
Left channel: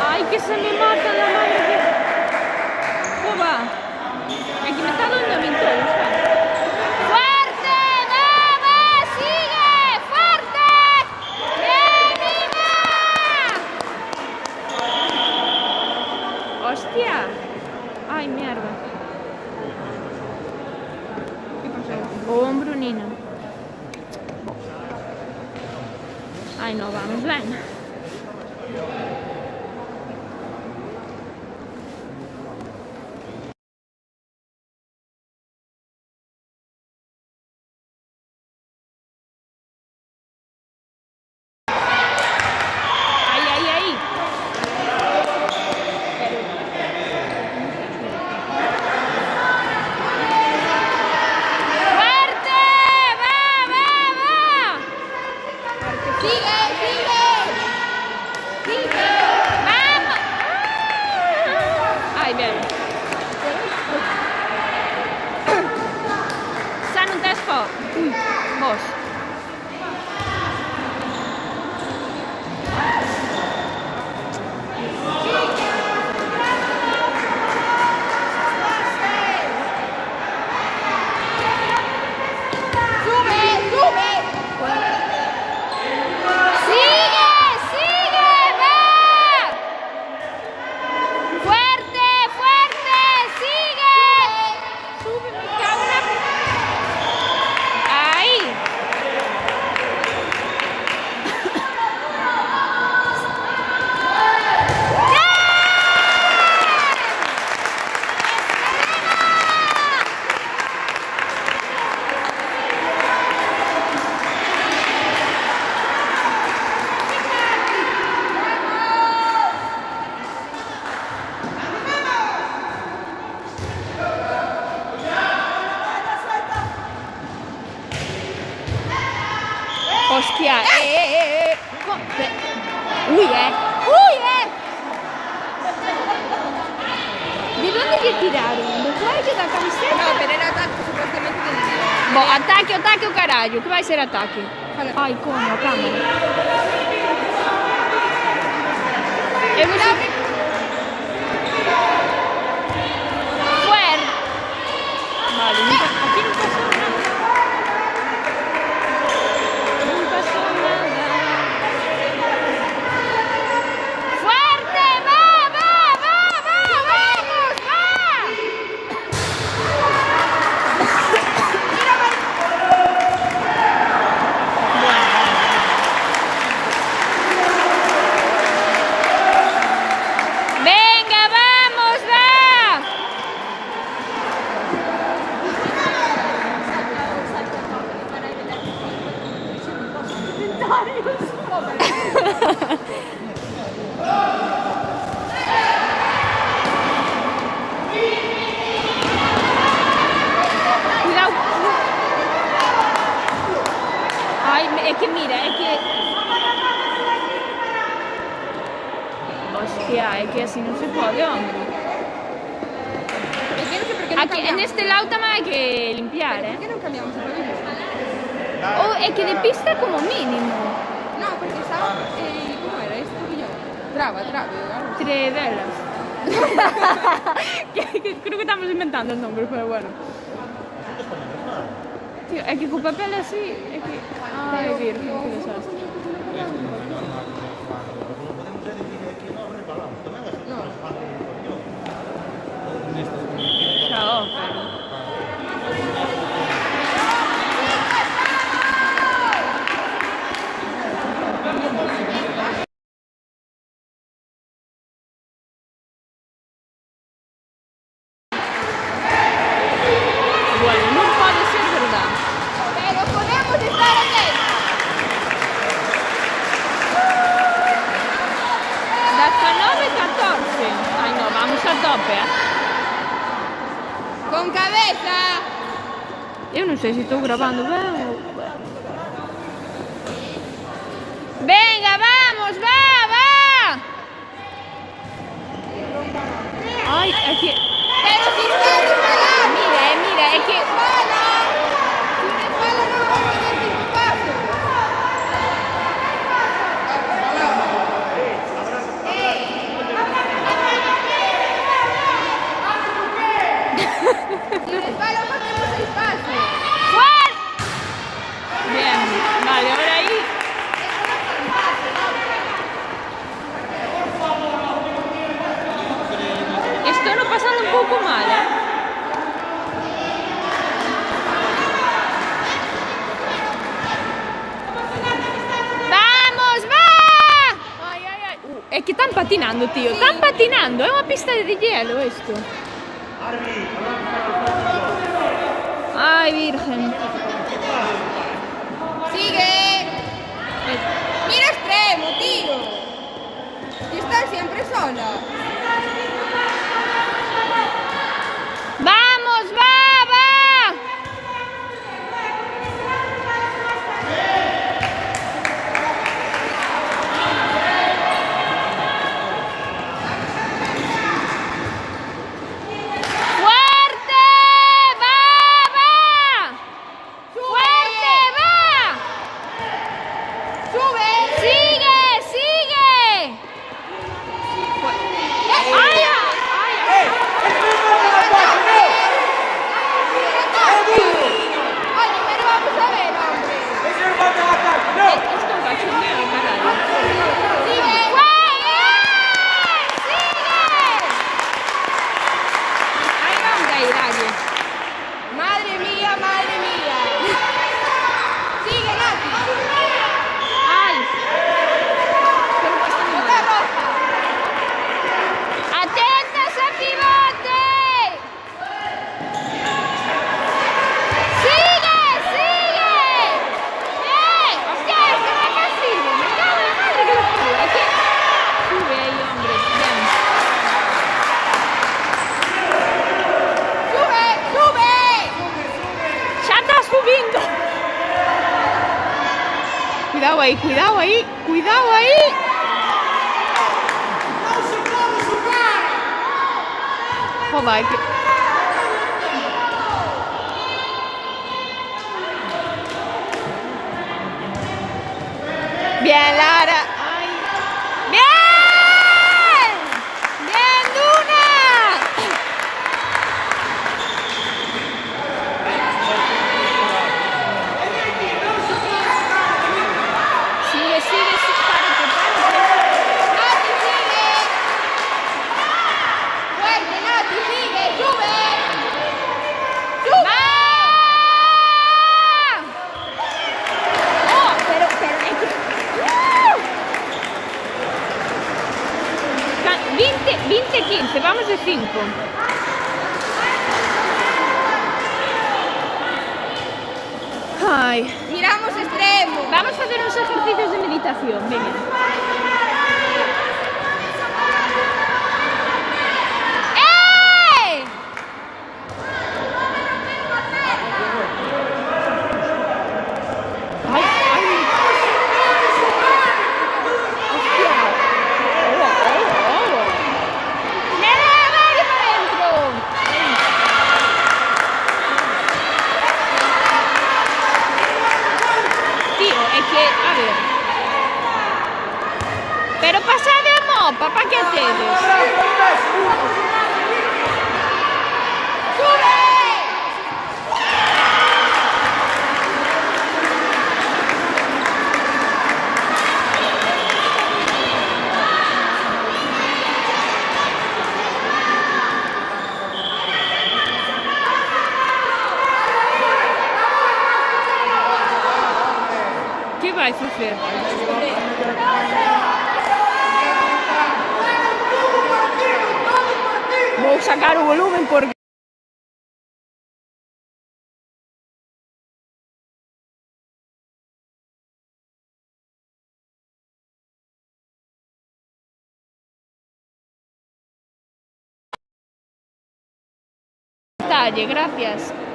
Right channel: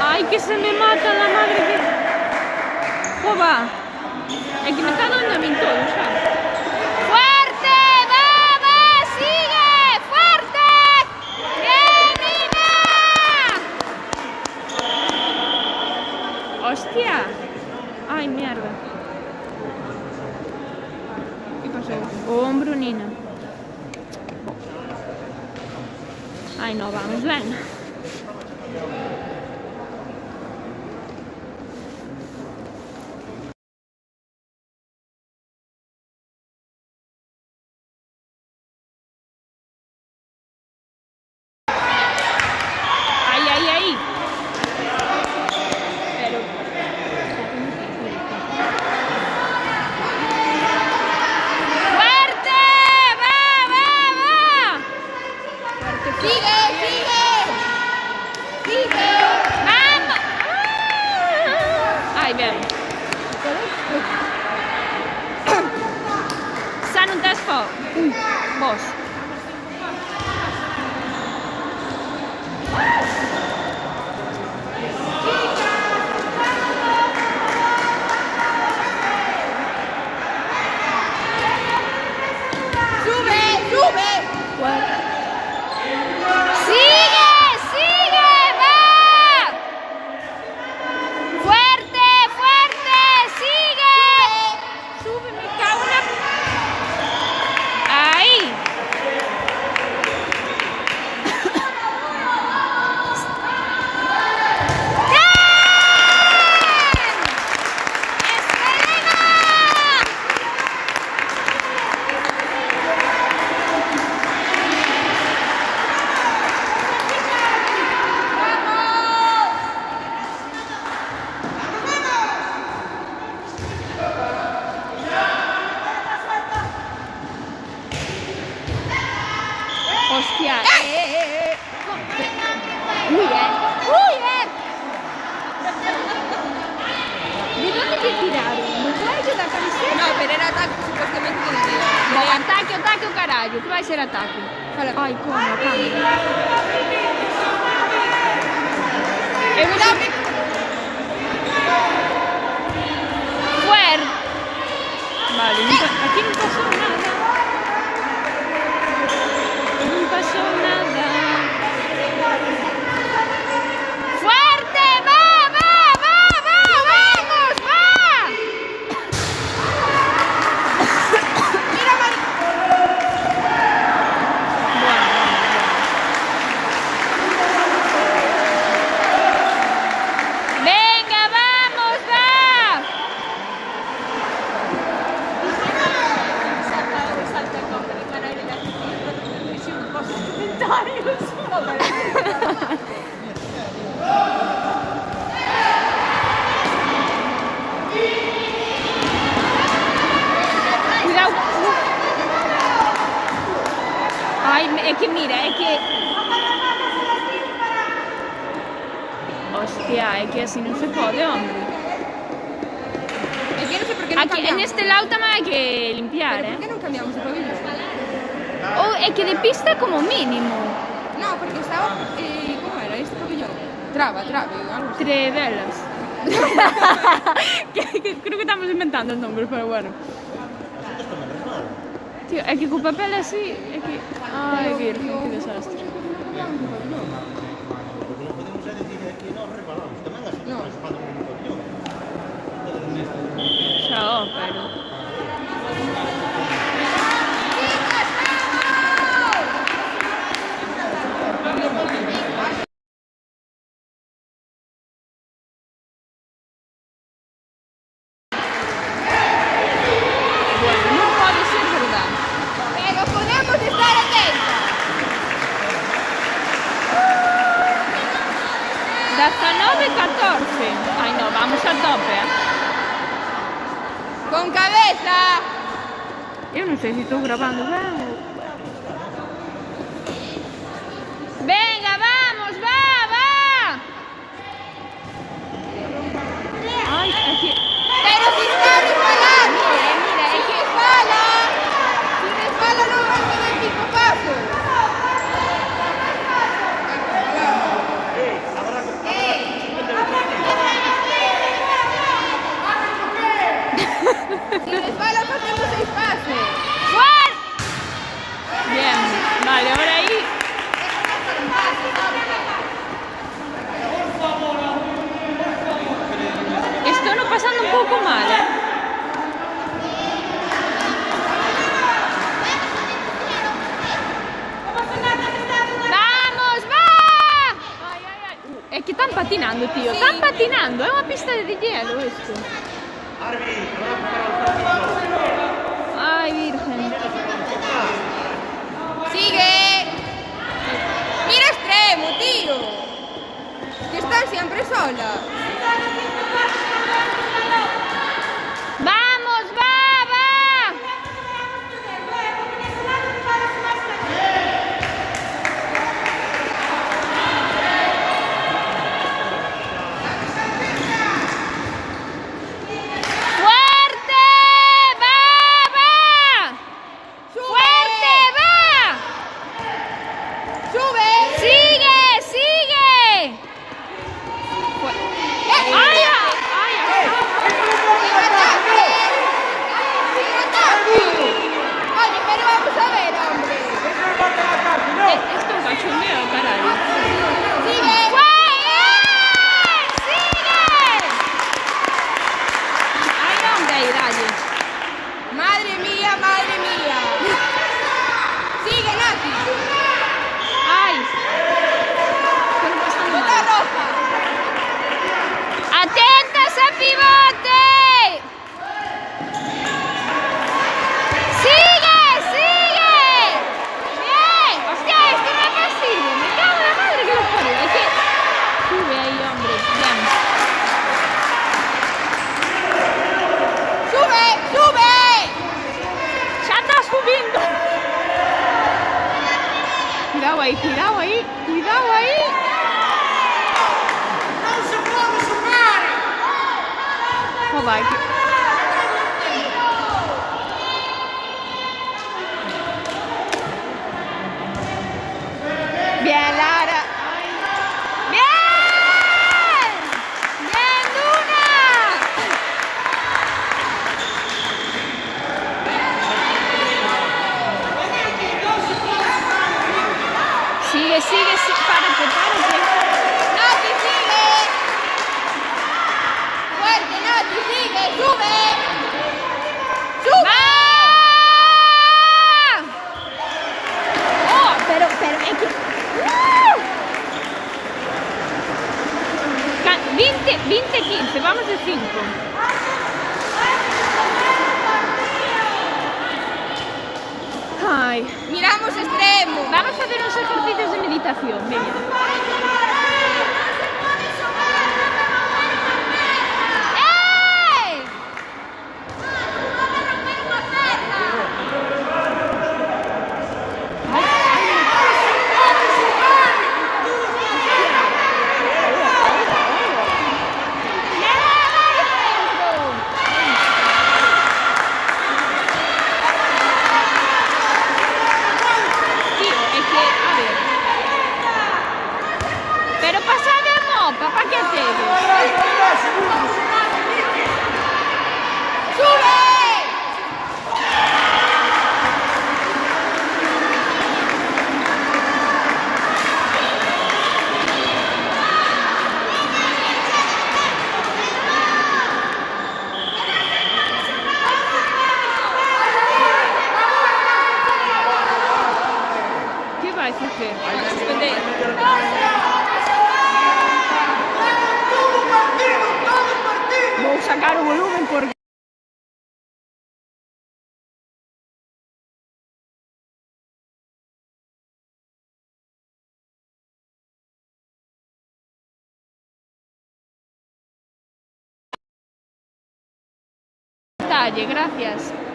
¡Ay, que se me mata la madre que... Joder. Es que me está dando a mí todo, ¿sabes? ¡Fuerte! ¡Vamos! ¡Sigue! ¡Fuerte! ¡Bien, Ina! ¡Hostia! ¡Ay, mierda! ¿Qué pasó? Hombro, Nina. Ay, no vamos bien. Ay, ay, ay. Pero... ¡Fuerte! ¡Va, va, va! ¡Sigue, sigue! ¡Sigue! ¡Vamos! Ai, ben. Xa non tes foc? Ui, vos. ¡Sube, sube! ¡Sigue! ¡Sigue! ¡Va! ¡Fuerte! ¡Fuerte! ¡Sigue! ¡Sube! ¡Me cago en la... ¡Ahí! Hostia, Uy, Uy, ¿De dónde te tiraron? ¿Do cuello da camiseta? No, pero era ataque supuestamente que no era. Bo, ataque, ataque o carallo, que vai ser ataque. Ai, coño, a cámara. Eu non sei... Fuerte. Vale, aquí non pasou nada. que mira, es que... Hostia, es que así no se puede, hombre. Es que no sé por qué no Aquí, en cambiamos. este lado también hay que limpiar, ¿Pero por qué no cambiamos el pabellón? Oh, es que de pista como mínimo. No, porque estaba... ¿cómo era este pabellón? Traba, algo así. Tres velas. Creo que estamos inventando el nombre, pero bueno. Tío, es que con papel así... Es que... Ay, virgen, qué desastre. Chao, pero... Bueno, no puede ser verdad. Pero podemos estar en él. 19-14. Ay, no, vamos a tope, ¿eh? Con cabeza. Yo no sé si estoy grabando bien o... Venga, vamos, va. Ay, es que... Pero si está disparando. Mira, es que... ¡Sola! Si me sola no me voy a dar 5 pasos. Si me sola hacemos 6 pasos. ¡Fuera! Bien, vale, ahora ahí... Estoy no pasando un poco mal, ¿eh? ¡Vamos, va! Ay. Es que están patinando, tío. Están patinando. Es una pista de hielo esto. Ay, virgen. Sigue. Mira extremo, tío. Que estás siempre sola. ¡Vamos, va! ¡Fuerte! ¡Va! ¡Fuerte! ¡Va! Sube. ¡Sigue! ¡Ay! Oye, pero vamos a ver, hombre. Esto es cachondeo, carajo. Sigue. Ay, ¿dónde hay rayos? Madre mía, madre mía. Sigue, Nati. ¡Ay! Pero que está muy mal. ¡Atentas al pivote! ¡Sigue! ¡Bien! ¡Hostia, esto no es posible! ¡Me cago en la madre que lo parió! Es que... Sube ahí, hombre. Bien. Sube. ¡Ya está subiendo! Cuidado ahí. Joder, bien, Lara. Bien, Luna. Sigue, párate. Nati, sigue. Fuerte, Nati, sigue. Sube. ¡Va! Oh, pero es que... 20-15, vamos a 5. Ay, Miramos extremo. vamos a hacer unos ejercicios de meditación. Venga. ¡Eh! Ay, facer. Vou sacar o volumen porque talle, gracias.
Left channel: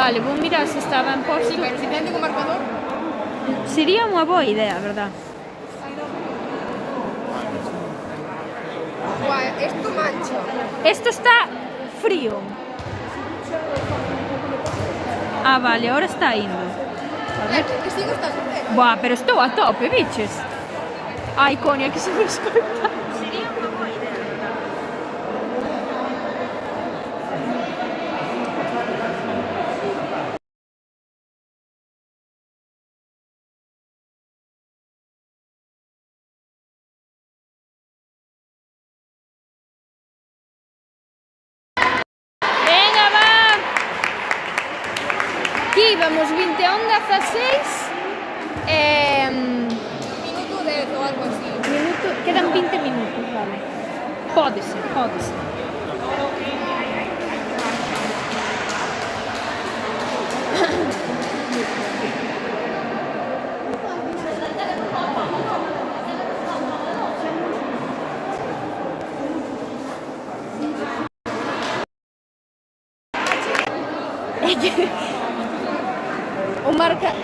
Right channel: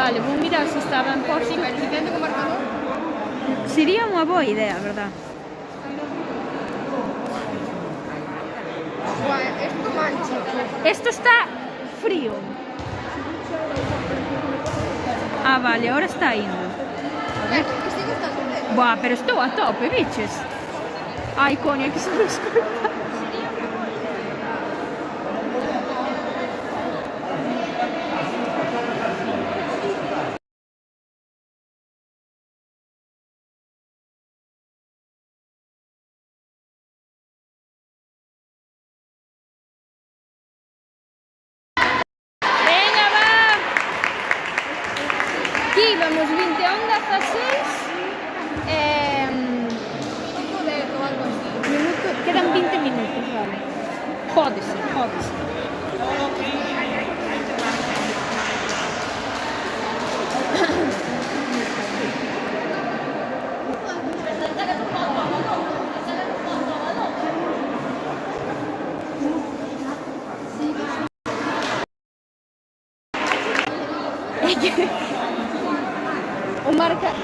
Vale, vou mirar se estaba en posto. Sí, pero si tengo un marcador. Sería unha boa idea, verdad? Guau, esto mancha. Esto está frío. Ah, vale, ahora está indo. A ver. Que sí gustas hacer. Buah, pero estou a tope, biches. Ai, coña, que se me escolta. Venga, va. Aquí vamos 21:16. Quedan 20 minutos, vale. Jódese, jódese.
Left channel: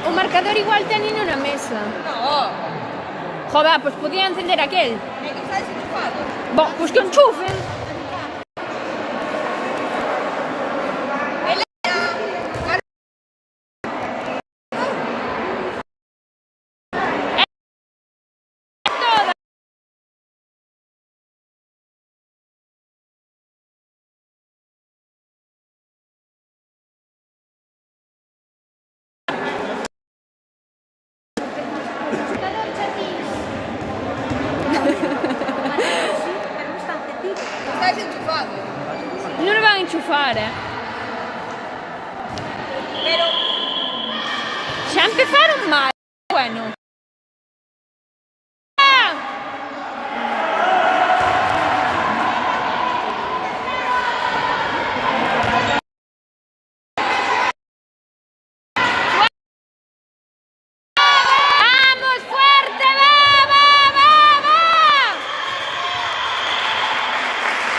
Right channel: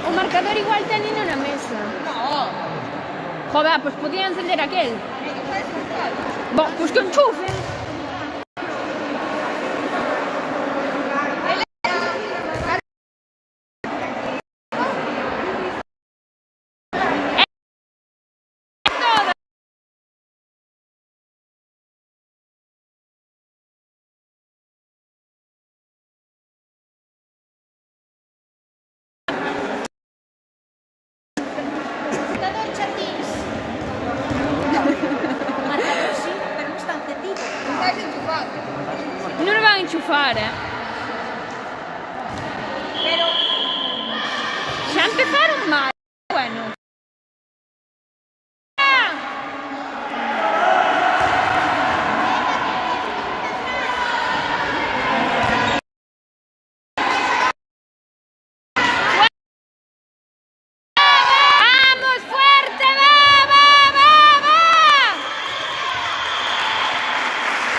O marcador igual tenino na mesa. No. Joder, pues podía encender aquel. Pero está desenchufado. Bon, pues que enchufen. Está desenchufado. Non lo van a enchufar, Xa empezaron mal. Bueno. ¡Vamos, fuerte! ¡Va, va, va, va!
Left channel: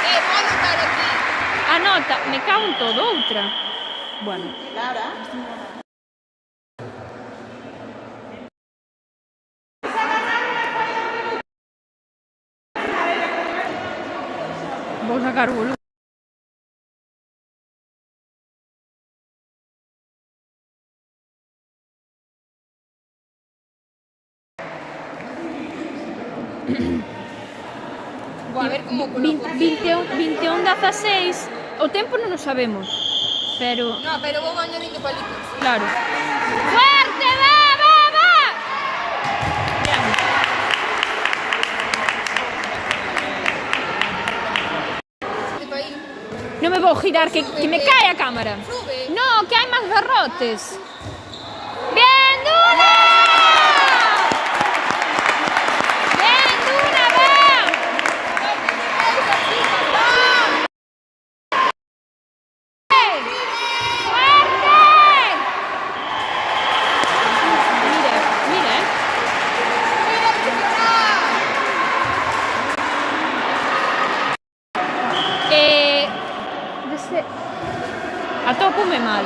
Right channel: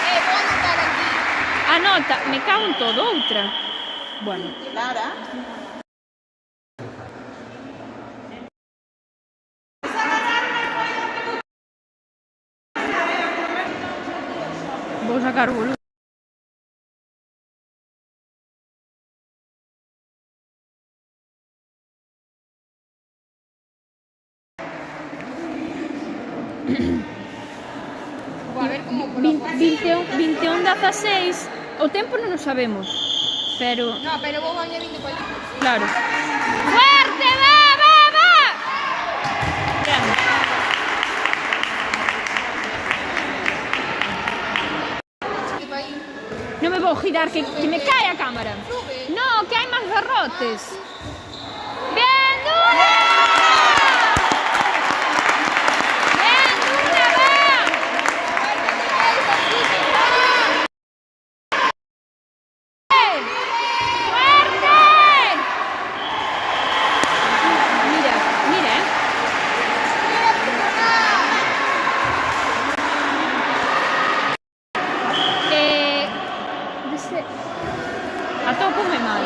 Voy a anotar aquí. Anota, me cago en todo, outra. Bueno. Vou sacar o volumen. Voy a ver cómo 21:16. O tempo non o sabemos. Pero, No, pero vou añadindo palitos. claro. ¡Fuerte! ¡Va, va, va! Bien. Tipo ahí. No me voy a girar, que me cae a cámara. Sube. No, que hay más garrotes. ¡Bien, Duna! ¡Bien, Duna, va! ¡Fuerte! Mira, mira, atópome mal.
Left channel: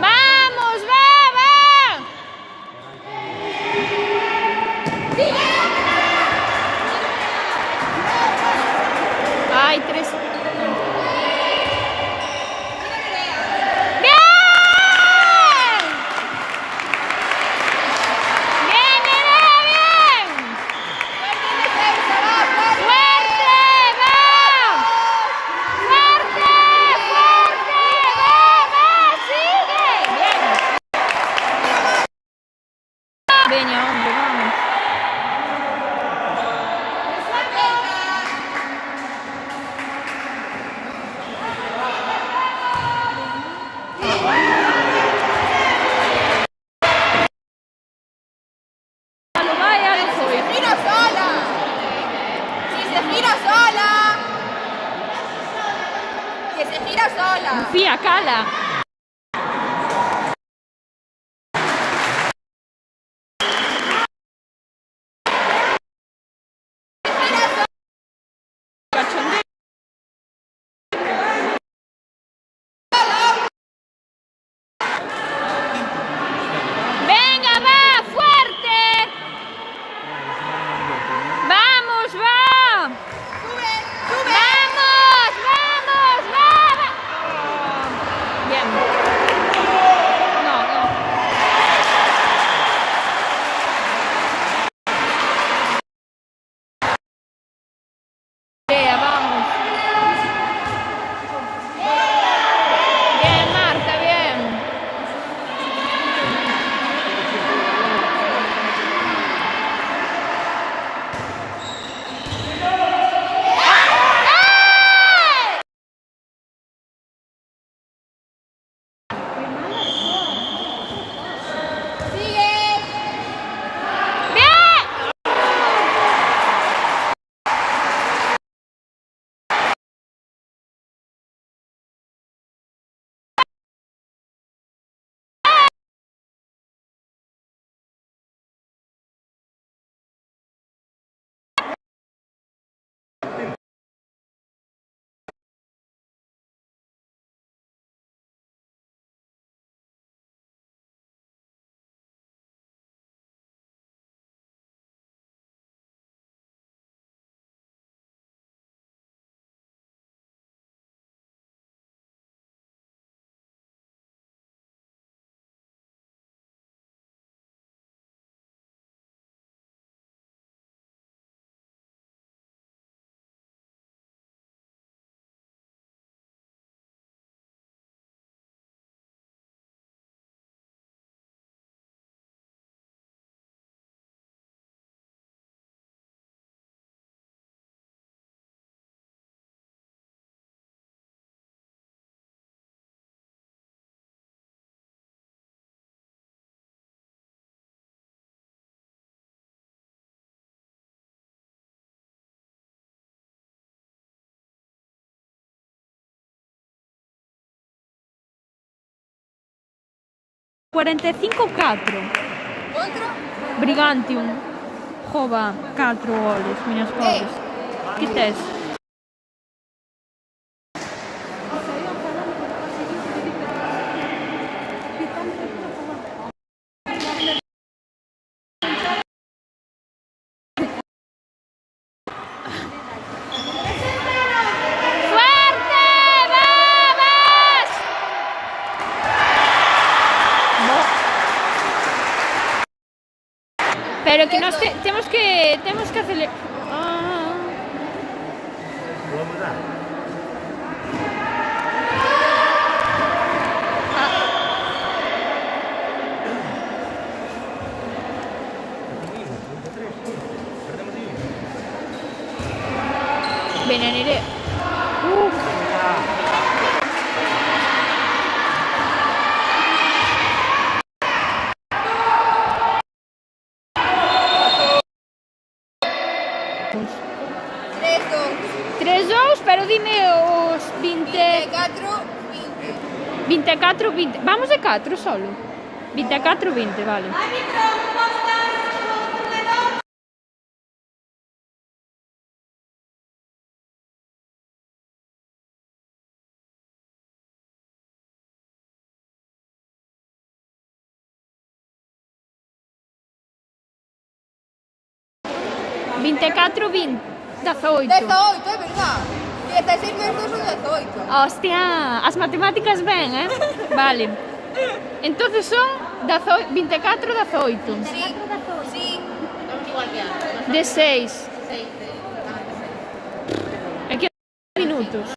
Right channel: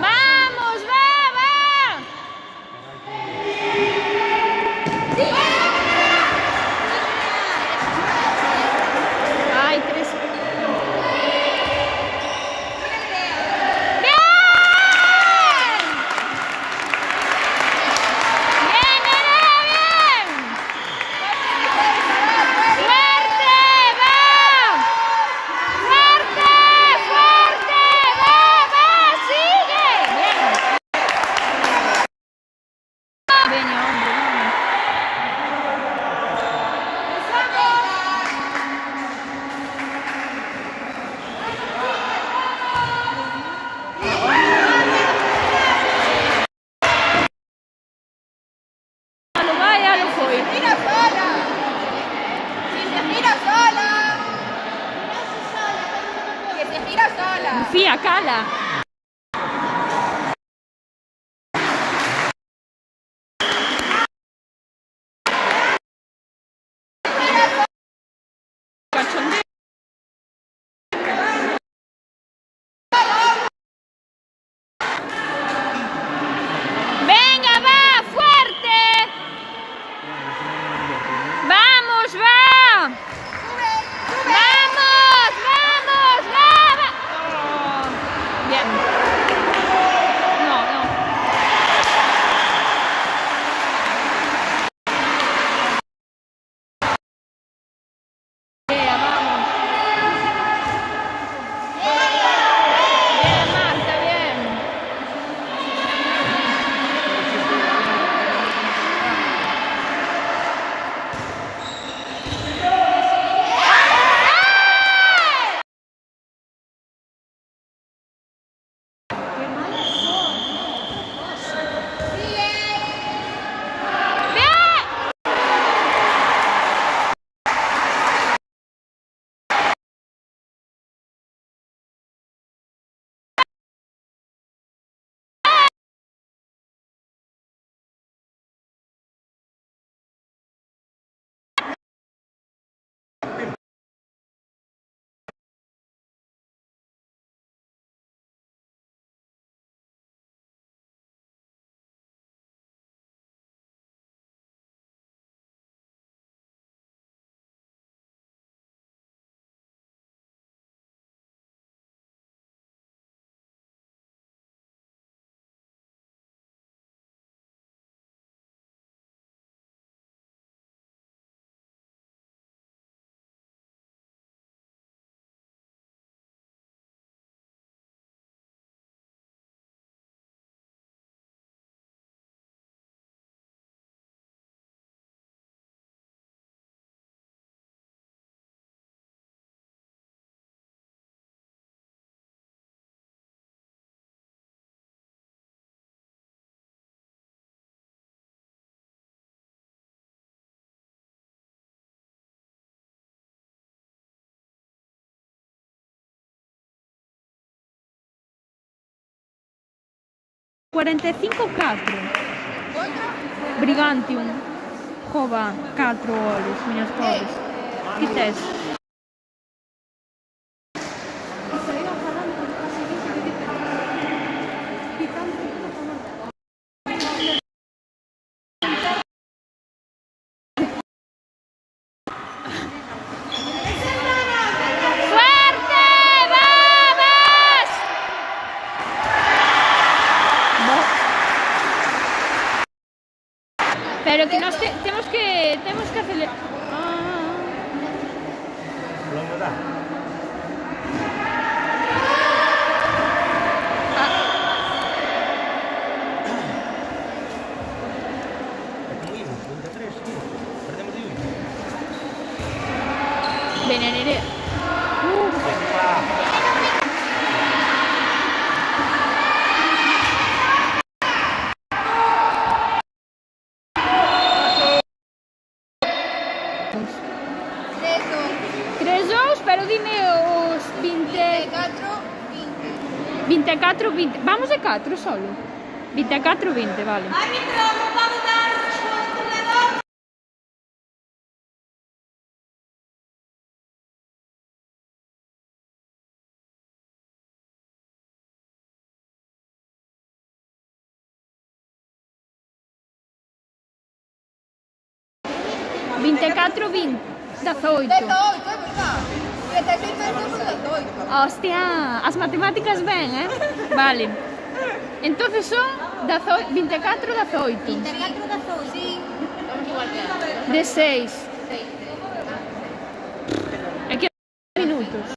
¡Vamos, va, va! Ay, 3. ¡Bien! ¡Bien, nena, bien! ¡Fuerte! ¡Va! ¡Fuerte! ¡Fuerte! ¡Va! ¡Va! ¡Sigue! ¡Bien! Veña, hombre, vamos. Lo vai, ya lo foi. ¡Mira sola! ¡Si se gira sola! ¡Que se gira sola! Fía, cala. Cachondeo. 45-4. Contra? Brigantium. Jova, 4 goles, miñas pobres. Que tes? ¡Fuerte! ¡Vamos! Pero que nos tenemos que hacerle... Bene, Nerea. Tres, dos. 3-2, pero dime os 20... 24, 20. 24-20. Vamos de 4 solo. 24-20, vale. Veinticuatro, 18. 18, es verdad. 16 veces son 18. Hostia, as matemáticas ben, Vale. Entonces son 24-18. Sí. 16. Aquí minutos.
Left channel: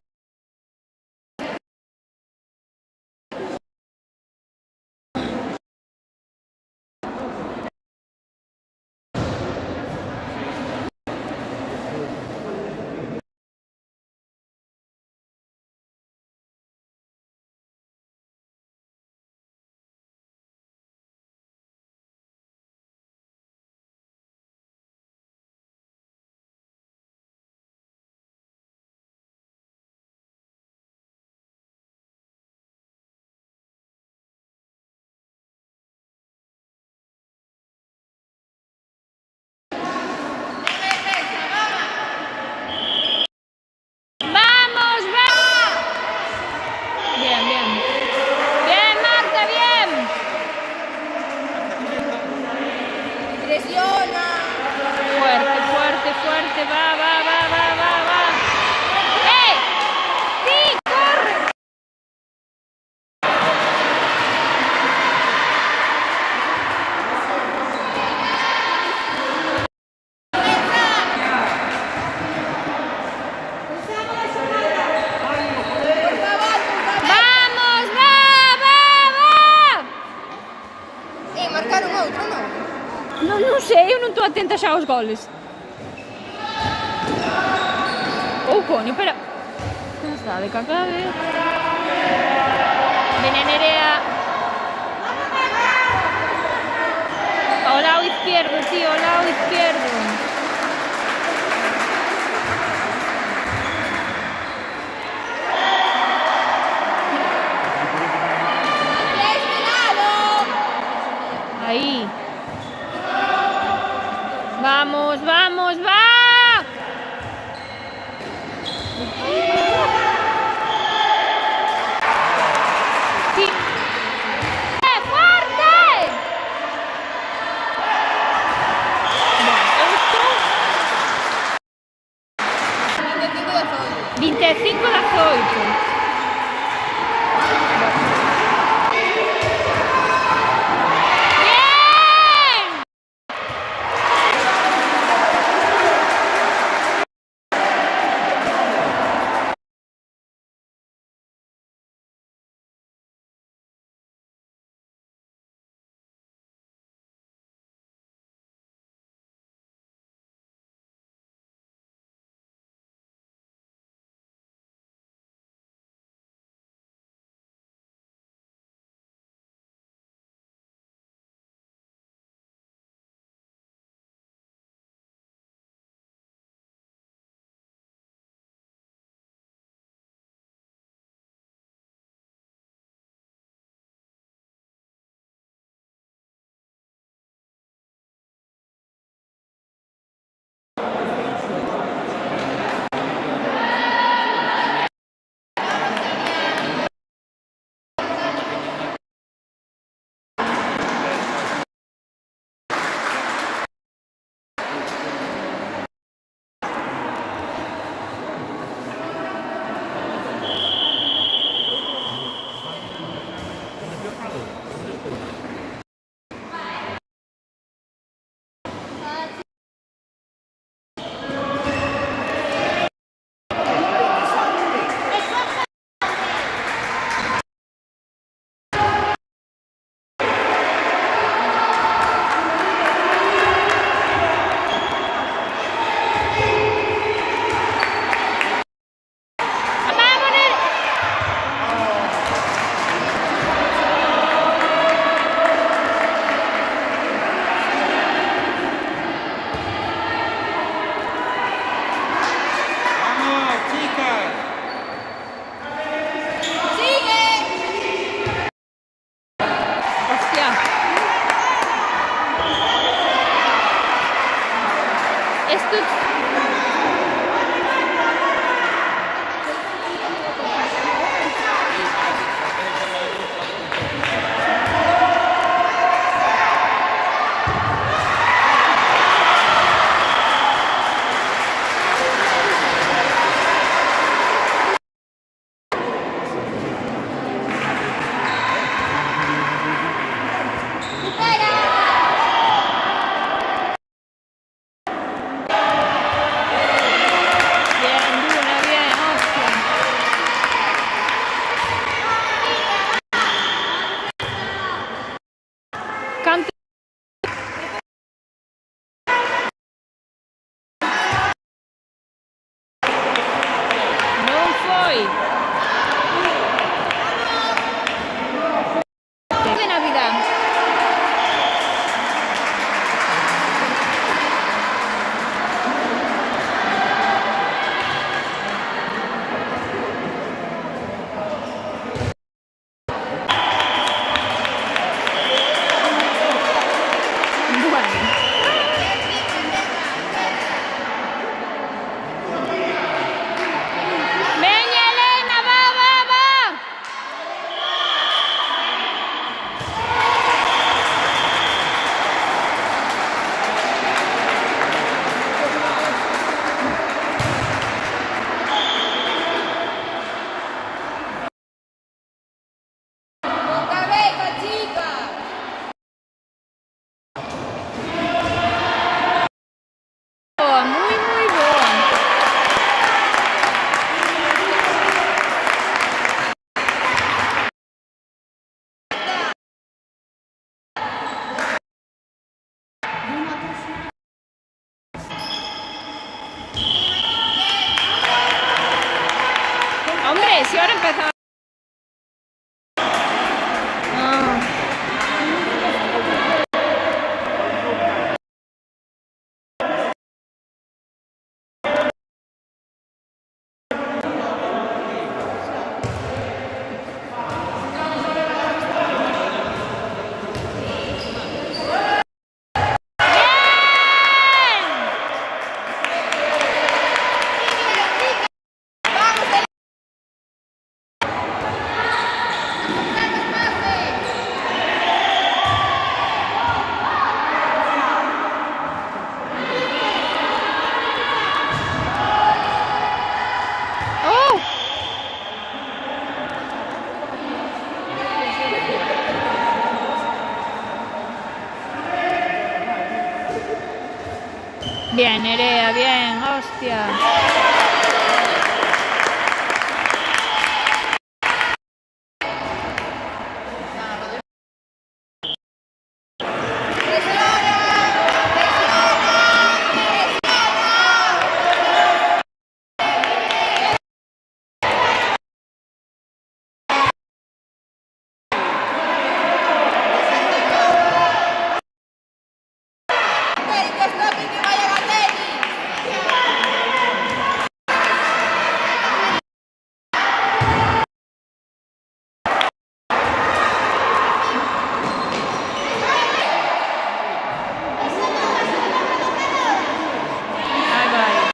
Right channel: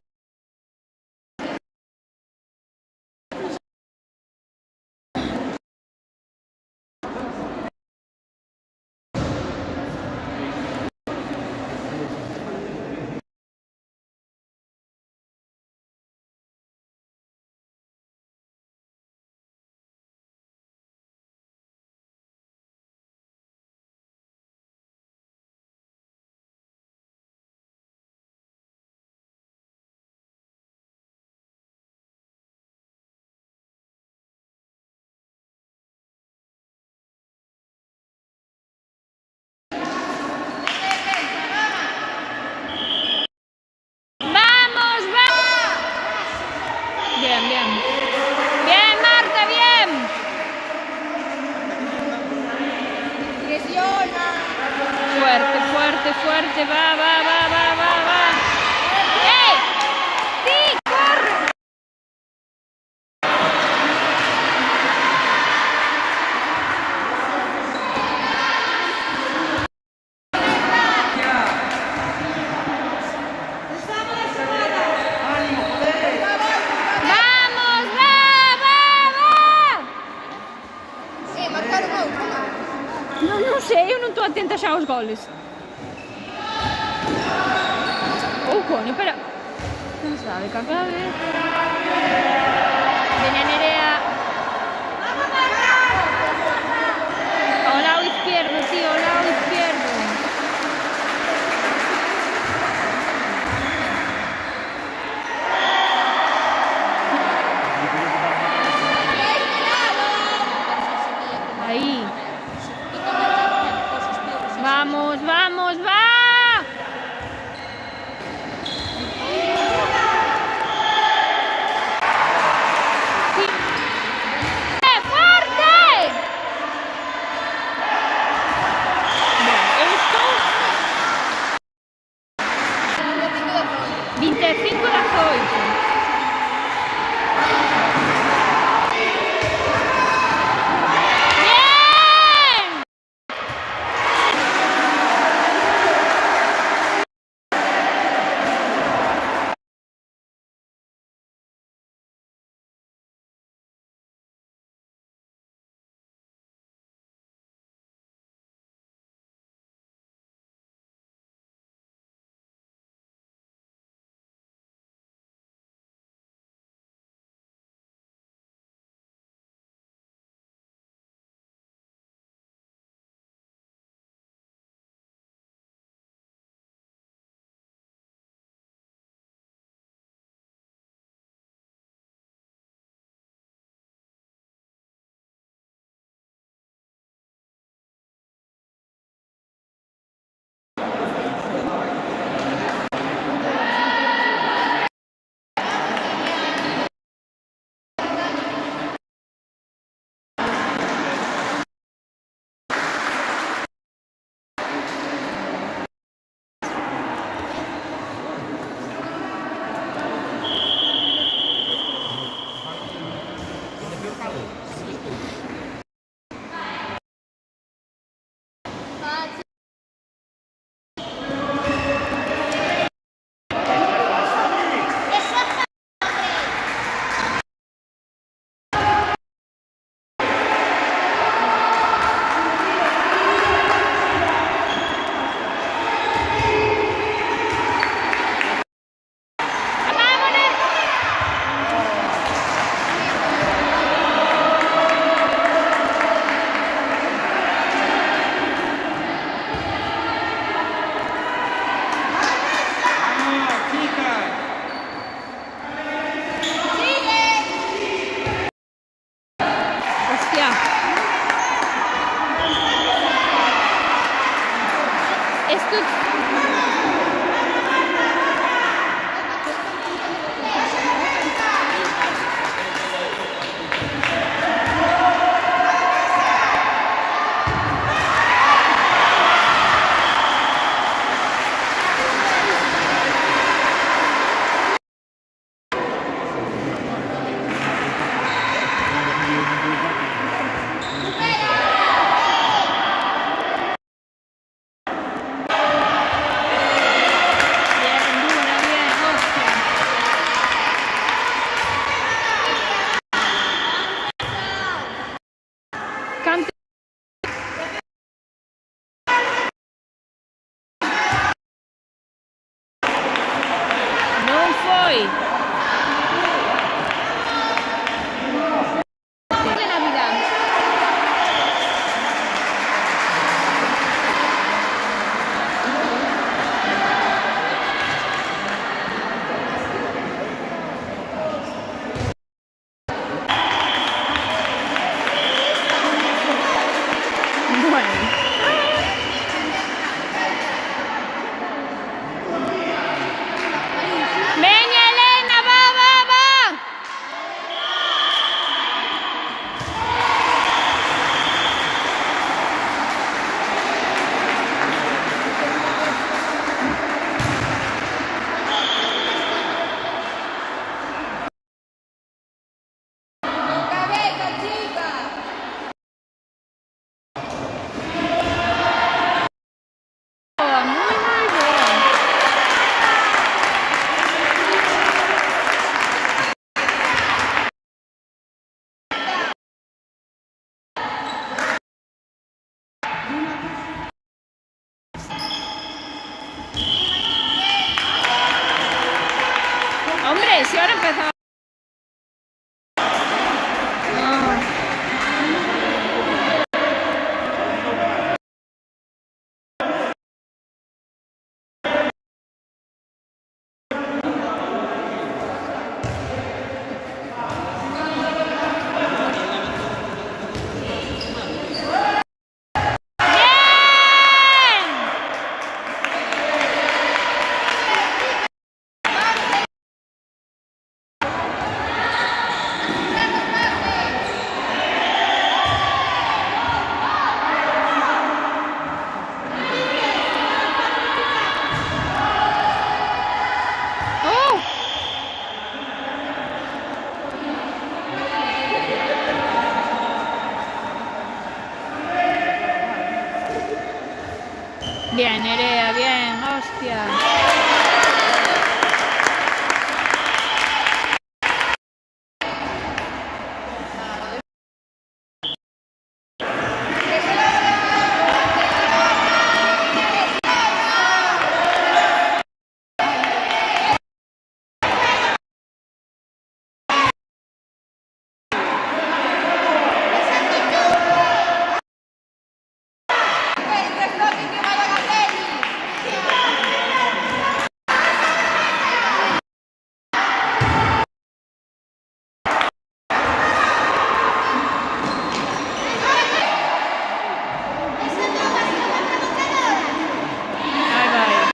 ¡Vamos, vamos! Bien, bien. Bien, Marta, bien. Presiona. Fuerte, fuerte, fuerte. Va, va, va, va, va, va. ¡Ey! ¡Sí, corre! ¡Vamos, va, va, va! Marcaron outro, non? Non sei, eu non estou atenta xa aos goles. Oh, coño, pero... Non sabe, cagade. Viene Nerea. Ao lado izquierdo, tío, ao lado izquierdo. Ahí. Vamos, vamos, va. Sí. ¡Fuerte! Bueno, esto 25-18. Esto... Cante. Non foi. ¿Qué Navidad? Bueno. Venga, Elena, va, va, va. Boa, muy, muy boa. Hombre, si ahora empezamos. Ah. Oh. Bien, Nerea, bien, hostia. Ahí va.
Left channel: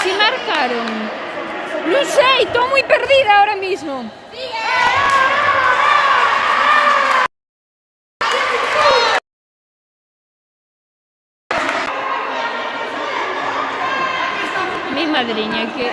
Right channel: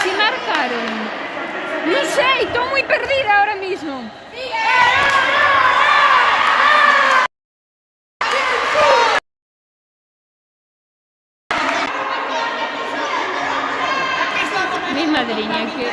Si marcaron. No sé, estoy muy perdida ahora mismo. Mi madriña que...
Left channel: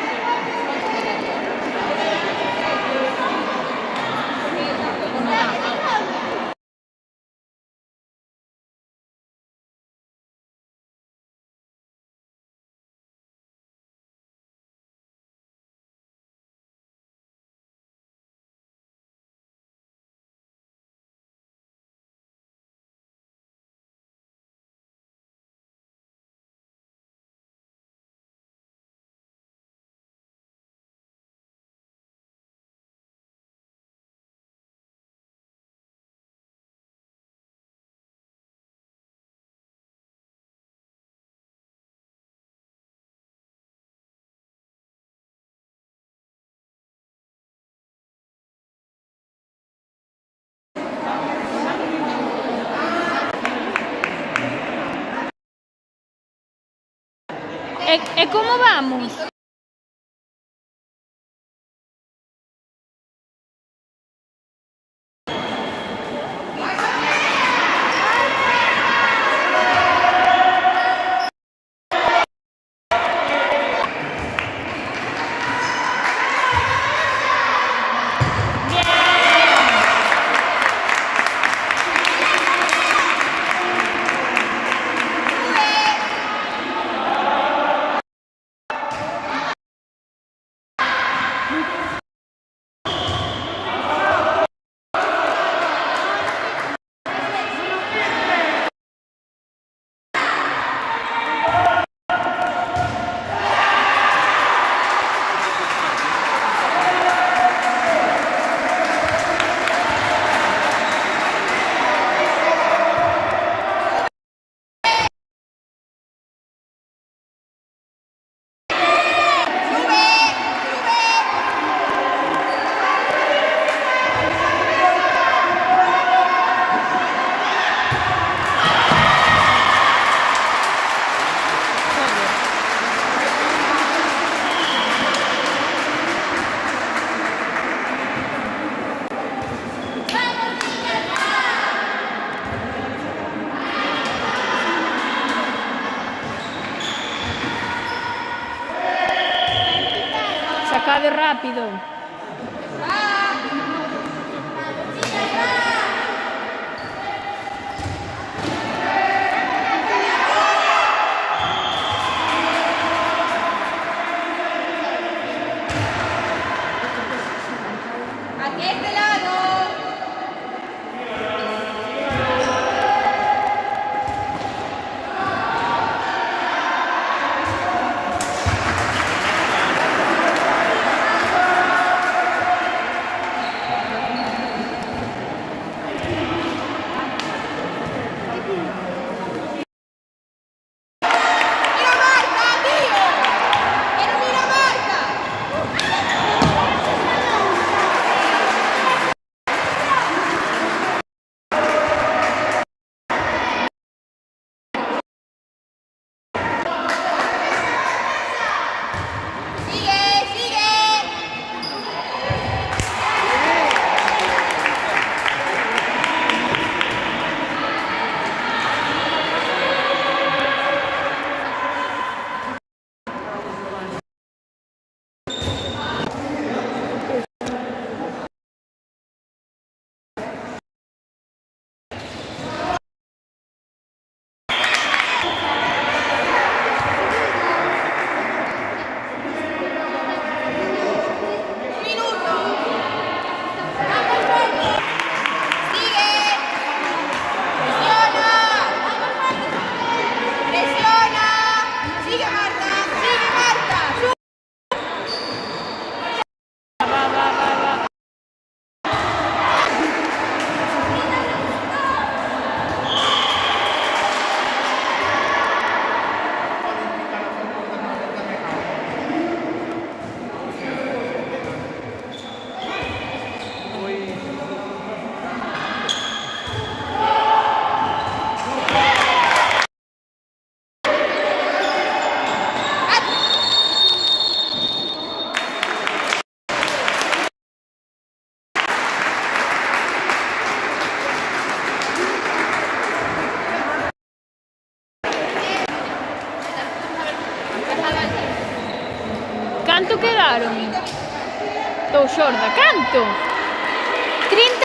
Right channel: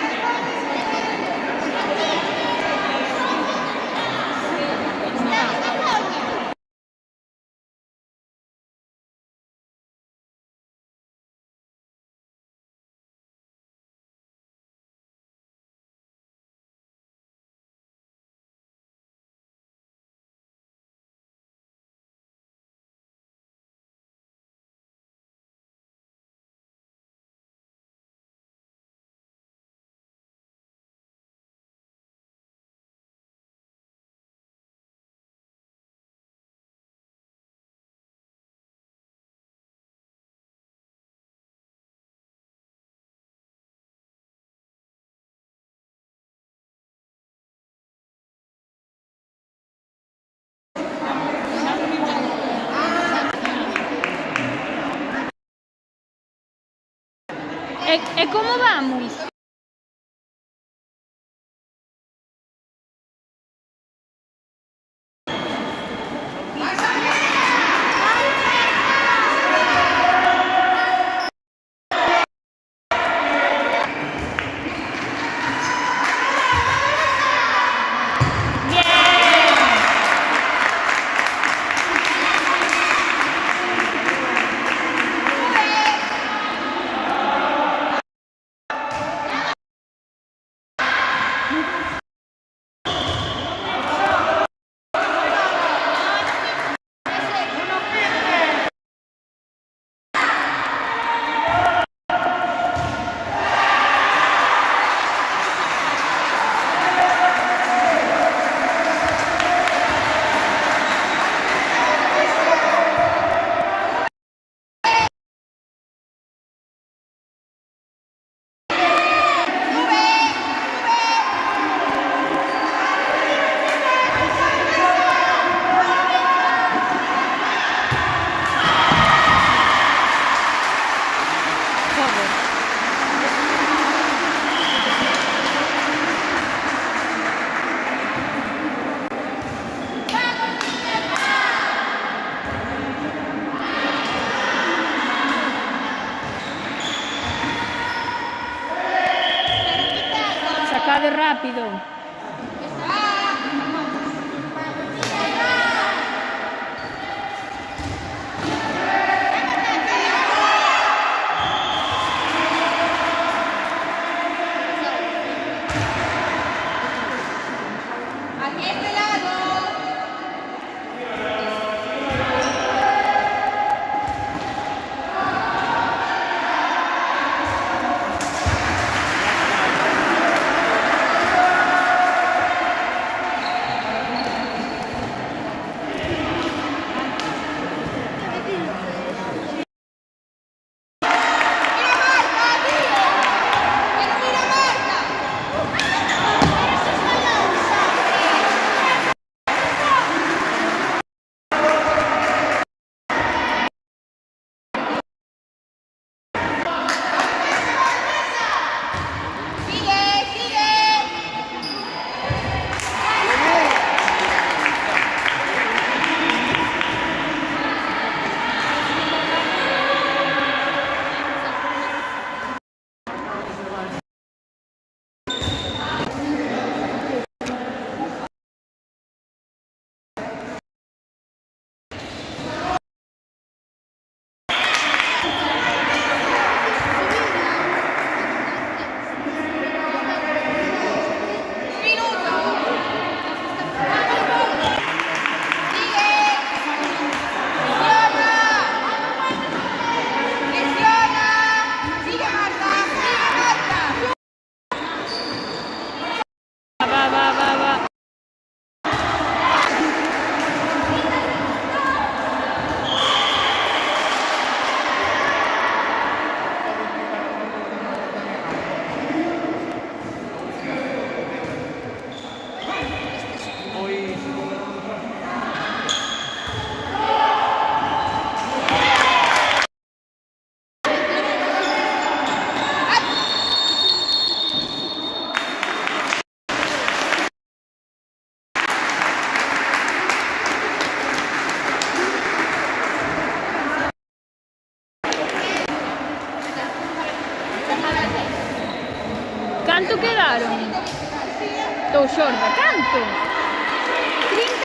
E como vamos? Sacade rápido. Aquí este lado. Canto quedaron? Estou xorda, canto? 30